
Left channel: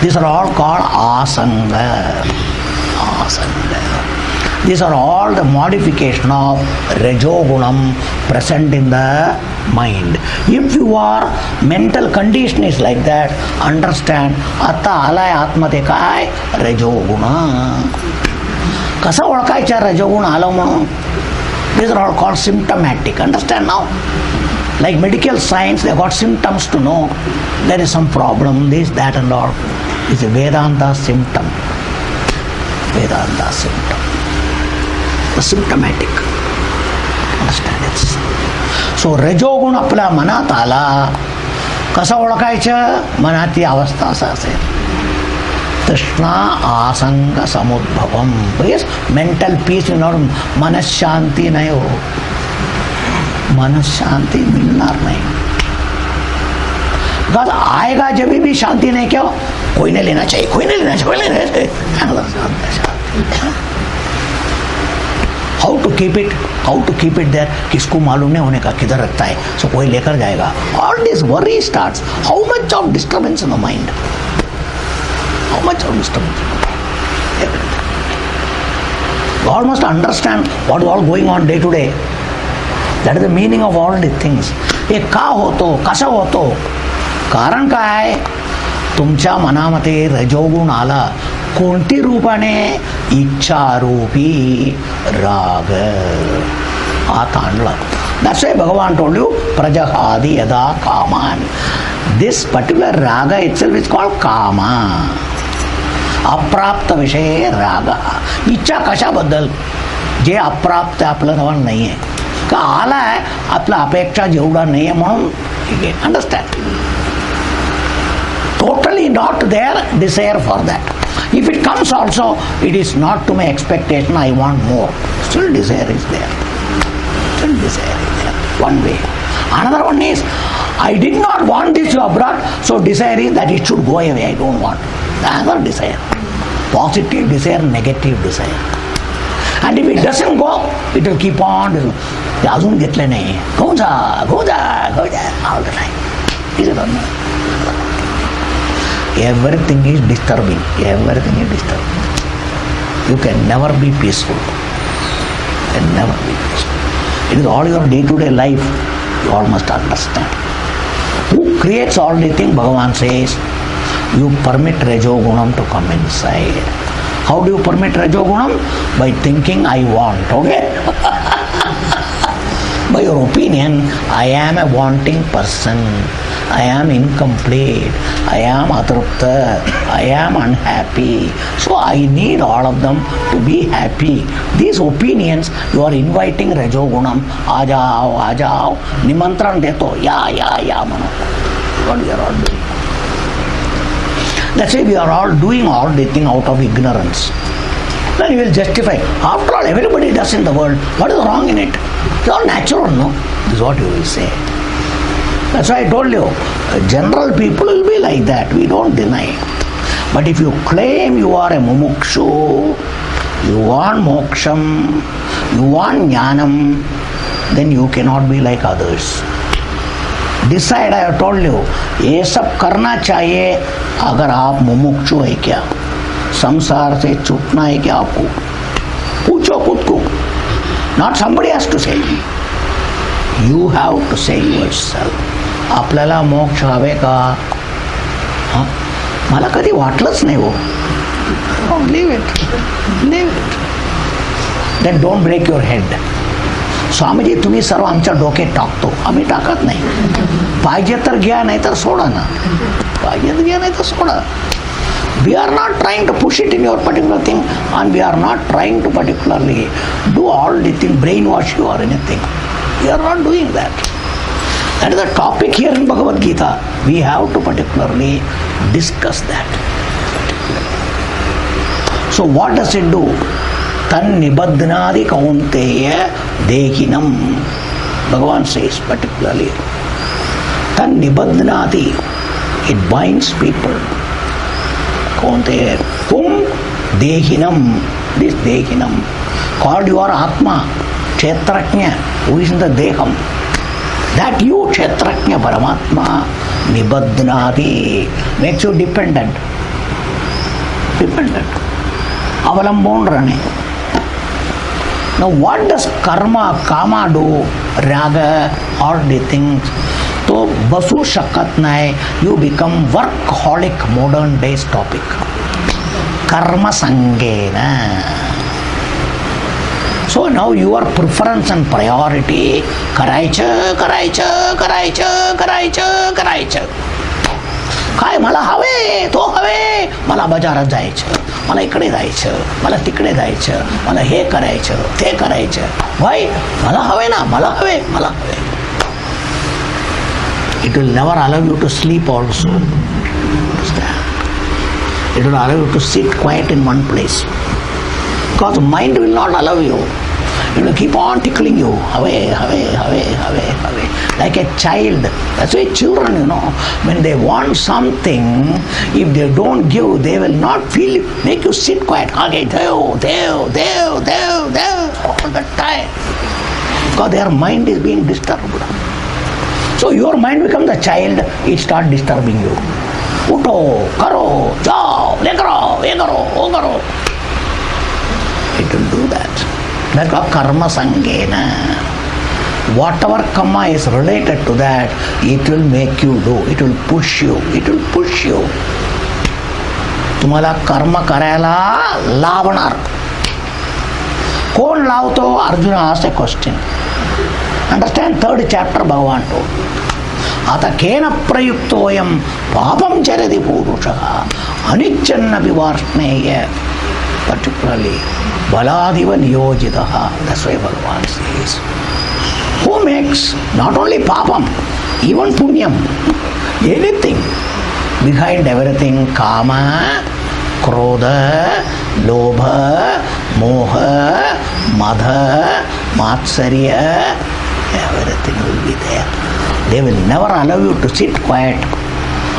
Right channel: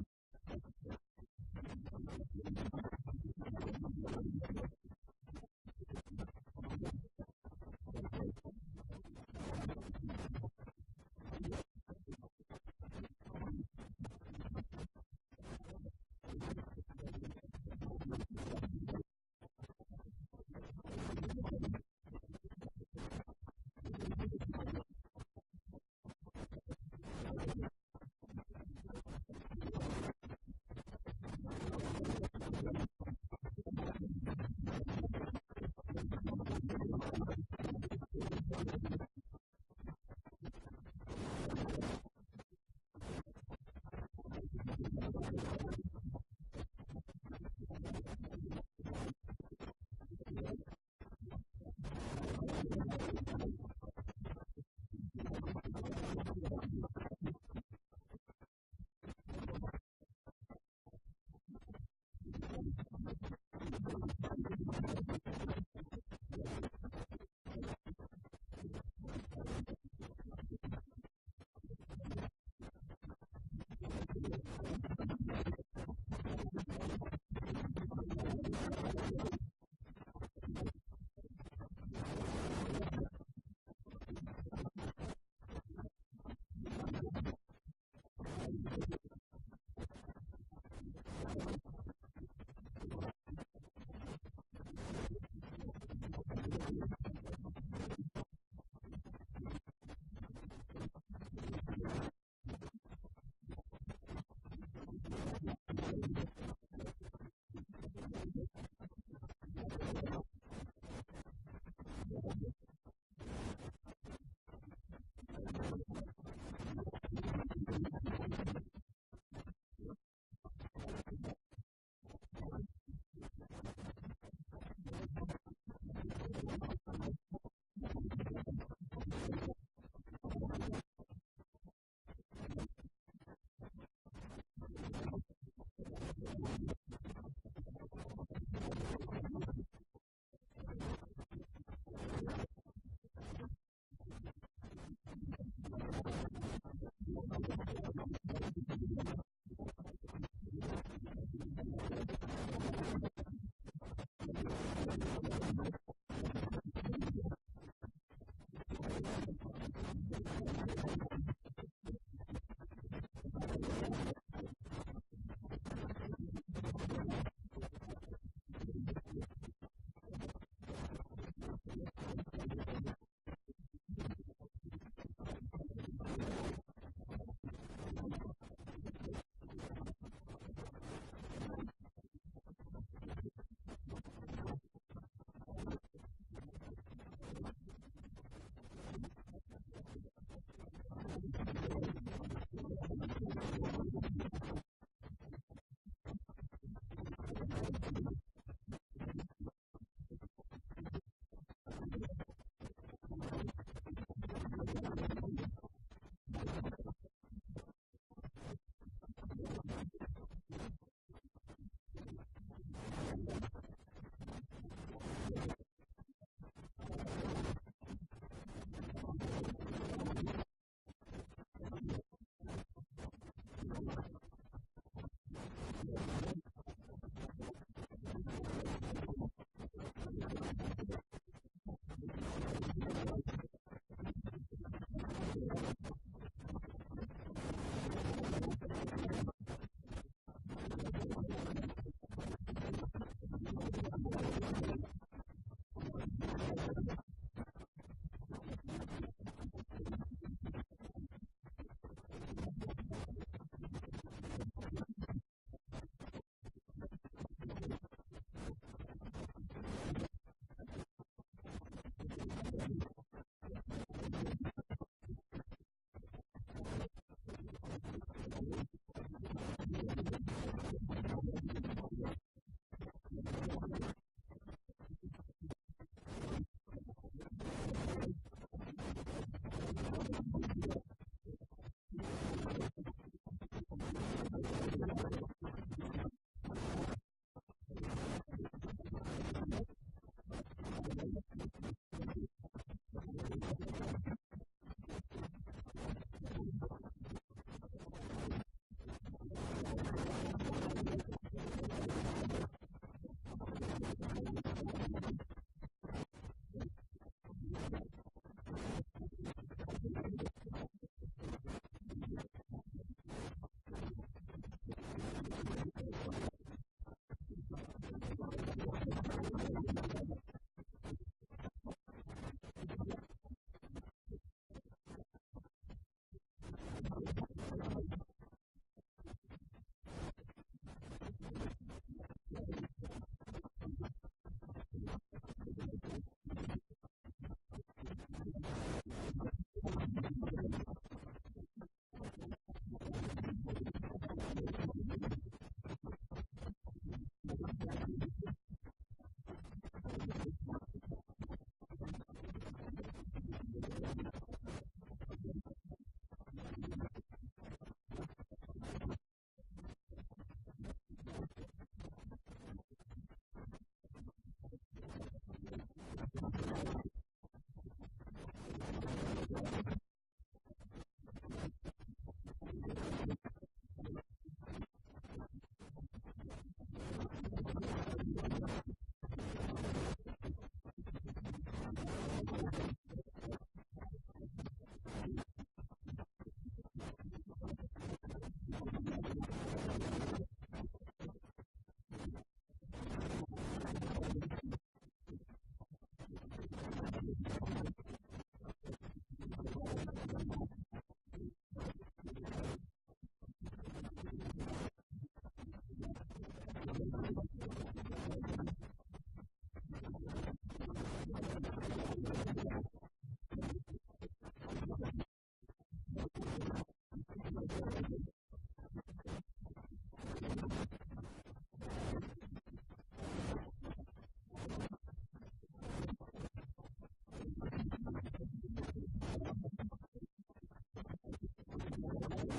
These are all called asanga. These are all the modification of rajogunam present in the mind. If your mental condition is like that, understand आता आलाय आत्मध्ये काय रजोगुण. कसा ओळखायचा रजोगुण आला म्हणून. These are all called symptomatic. Understand now? Like medical science, they got symptoms to know there is some problem, this, that and all. It's a Vedanta symptom. Vedanta symptom. The symptomatic. Understand it? So रजोगुण आपल्या मनात आला, कसा ओळखायचं. मनाची अवस्था असा असेल. तृष्णा आसंग समुद्भवम. Yes, mental peace will not. मनशांती नाही हो. मनशांती मिलणार नहीं. बिकॉज आएगा जब भी शांति नहीं, क्यों कोई नहीं लेना चाहिए, कोई नहीं लेना चाहिए. How to keep it there. किसको मालूम नहीं होने का किधर रखता है, सो कोई लेकर जाएगा. All this worry starts. How much of disturbance in the mind, how much of disturbance. God must understand what is all going on day to day. That is the meaning of all these things. हे का होतो, कसा होतो. कारण काय. तुमच्या मनामध्ये रजोगुण आला, कोणती रूपाने. इच्छारूपी राग आत आणला. That's why Bhagavan told you prajahadi yada kaman. This particular raga itself is called kama. अप्राप्त विषय राग. इच्छा कशाबद्दल. जे अप्राप्त आपलं नाव नाही आहे का आला आहे, आपला अपेक्षा जेवढा नाही आहे म्हणून. Understand. Totally not their desire for that. If it comes also, it is not to my expectation, I want more. Still desire is there. One way. Another one is, I did not want this to abroad, so desire is that it should go away, I don't want. Another desire. Positive desire, negative desire. And if it doesn't go, it will keep on. अजून घेतले नाही, go जा all the time. Is it or not? Everything is disturbing. You can never be peaceful. It is all your day-to-day life. You all must understand. Who creates all the things? Bhagavan says, you permit Rajogunam to come inside. How do you permit Rajogunam? By thinking I want. Okay? By your opinion, I am a wanting person. I am incomplete. I am atrupta. I am unhappy. So I need all of them to be happy. These opinions, you are inviting Rajogunam. Ajao. Nimantran deto. Ya mano. What we are all doing. That's why we are all doing all the thing out of ignorance. Then you will justify. After all, everybody does in the world. What is wrong in it? It's all natural, no? This is what you will say. That's why I told you, general people will be like that. We don't deny. But if you claim you are a mumukshu, you want moksham, you want jnanam, then you cannot be like others. Decide, I have told you, ये सब करना चाहिए अगर आप मुमुक्षु है क्या, संसार से छूटना है क्या आपको. पूछो खुद को. Not somebody has to say. You have to say yourself. आपल्याला मोक्ष हवे का. मला कधी वाटलंच नाही हो. Leave it. then don't break your head. स्वामीजी तुम्ही सर्व आमच्या डोक्यात टाकतो, आम्ही टाकत नाही. पाहिजे तर घ्या, नाही तर सोडा ना. पाहिजे तर घ्या, नाही तर soda. We are not trying to push it in your particular thing, and we are not trying to particularly do all the thing, brainwash you or anything. We are not doing that. That is the topic here in Bhagavad Gita. We have to particularly discuss that. So what does it do? Tan nibadhnadi kaunteya dehinam. Bhagavan says particularly. Tan nibadhnadi. It binds people. Kaunteya. Tum dehinam. This dehinam. Called your Atma. Kshetraknya. Who is in the deham. That you, Kshetraknya Paramatma, nibadhnadi. Makes you dependent. Dependent. Avalambon running. Now what does karma, kama do? Raga, all the things. So basu shakat nahi, you become workaholic, modern days topic. Karma sangena. So now your preference and priority, करायचं. काय मला हवे, तो हवे, मला बाजारात जायचं, मला इकडे जायचं, मला तिकडे जायचं, मला हे करायचं, ते करायचं. भाई मला हवे ना, मला हवे. It will never allow you to sleep also. It will allow you to sit quiet in one place. Because mind will not allow you. It will keep on tickling you. Away. Like a child. That's why children, when they want something, if they don't give, they will not feel it. Make you sit quiet. Okay, Dev, all the time. Because their mind is being disturbed. So your mind becomes a child, it starts disturbing you. Uto, karo, jao, le karo, ye karo, o karo. It will do that. That's called karma sangena. Whatever karma is related to that, it will make you do. It will push you. तुम्हाला कर्म करायला लावणार. कोण लावतो? Arjun asked a question. Understand? 3rd chapter Bhagavan told. आता केन प्रयुक्तोयम पापम चरति पुरुषः अनिच्छन्नपि Varshney. Particularly baladiva niyojitaha. That's why Bhagavan says, who makes not only papam, even punyam, anything, behind everything, kama, krodha, lobha, moha, madha, matsarya, everything will be there. They will never allow you to sit quiet.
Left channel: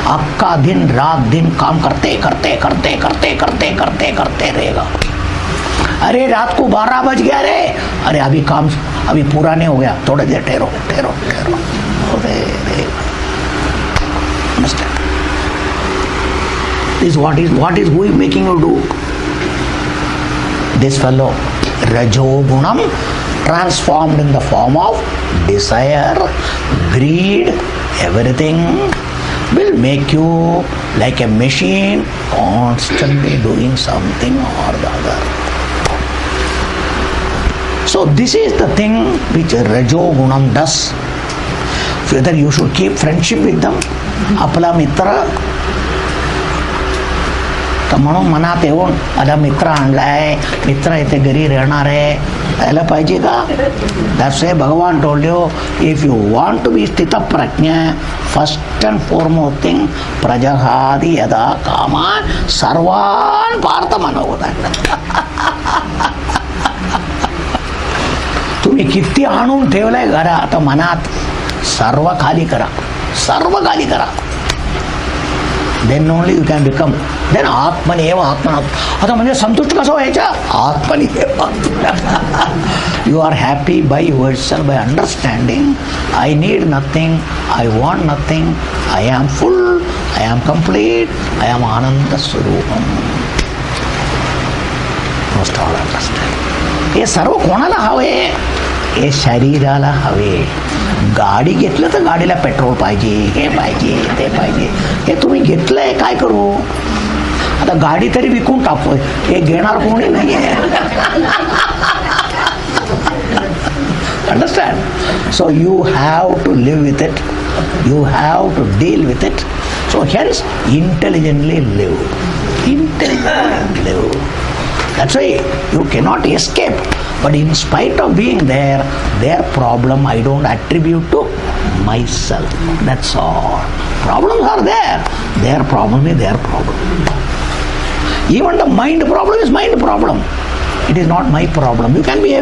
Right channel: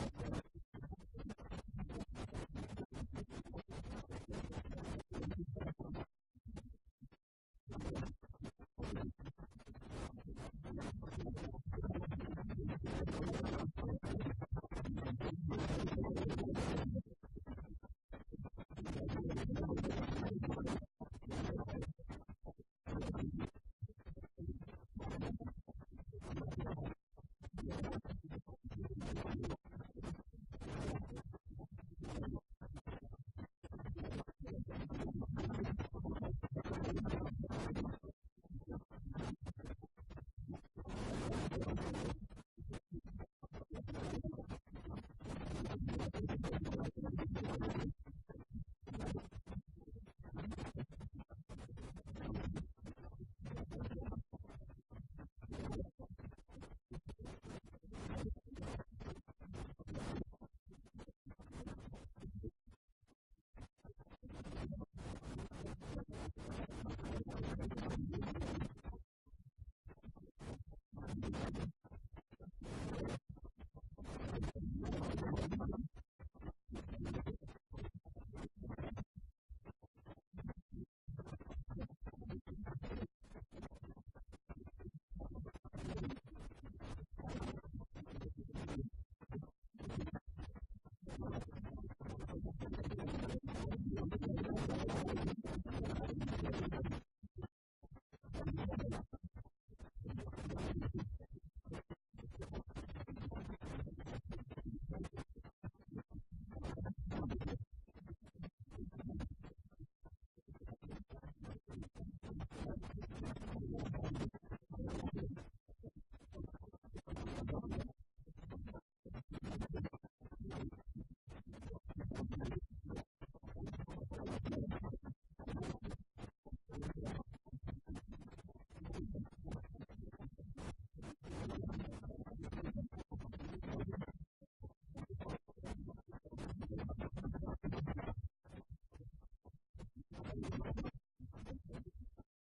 आपका दिन रात दिन काम करते रहेगा. अरे रात को 12 बज गया रे, अरे अभी काम अभी पूरा नहीं हो गया, थोड़ा देर ठहरो. Understand? This what is who is making you do? This fellow, Rajogunam, transformed in the form of desire, greed, everything, will make you like a machine constantly doing something or the other. So this is the thing which Rajogunam does. Whether you should keep friendship with them, आपला मित्र, तर म्हणून मनात येऊन आता मित्र आणलाय, मित्र इथे घरी राहणार आहे, यायला पाहिजे का? That's why Bhagavan told you, if you want to be sthita prajna, first and foremost thing, prajahadi yada kama sarvan partha manavata. तुम्ही किती आणून ठेवलंय घरात मनात, सर्व खाली करा. Then only you can become. Then Atmani eva Atmana. आता म्हणजे संतुष्ट कसं व्हायचं? Atmani eva. You are happy by yourself, by understanding. I need nothing. I want nothing. I am full. I am complete. I am Ananda Swarupam. Must all understand. हे सर्व कोणाला हवे? हे शरीराला हवे. गाडी घेतलं तर गाडीला पेट्रोल पाहिजे, हे पाहिजे, ते पाहिजे. हे तुम्ही घेतलंय, काय करू? आता गाडी तरी विकून टाकतोय, हे घेणार कोणी नाहीये. Understand? So you have to live with it. You have to deal with it. So hence, intelligently live. Intelligently live. That's why you cannot escape. But in spite of being there, their problem I don't attribute to myself. That's all. Problems are there. Their problem is their problem. Even the mind problem is mind problem. It is not my problem. You can be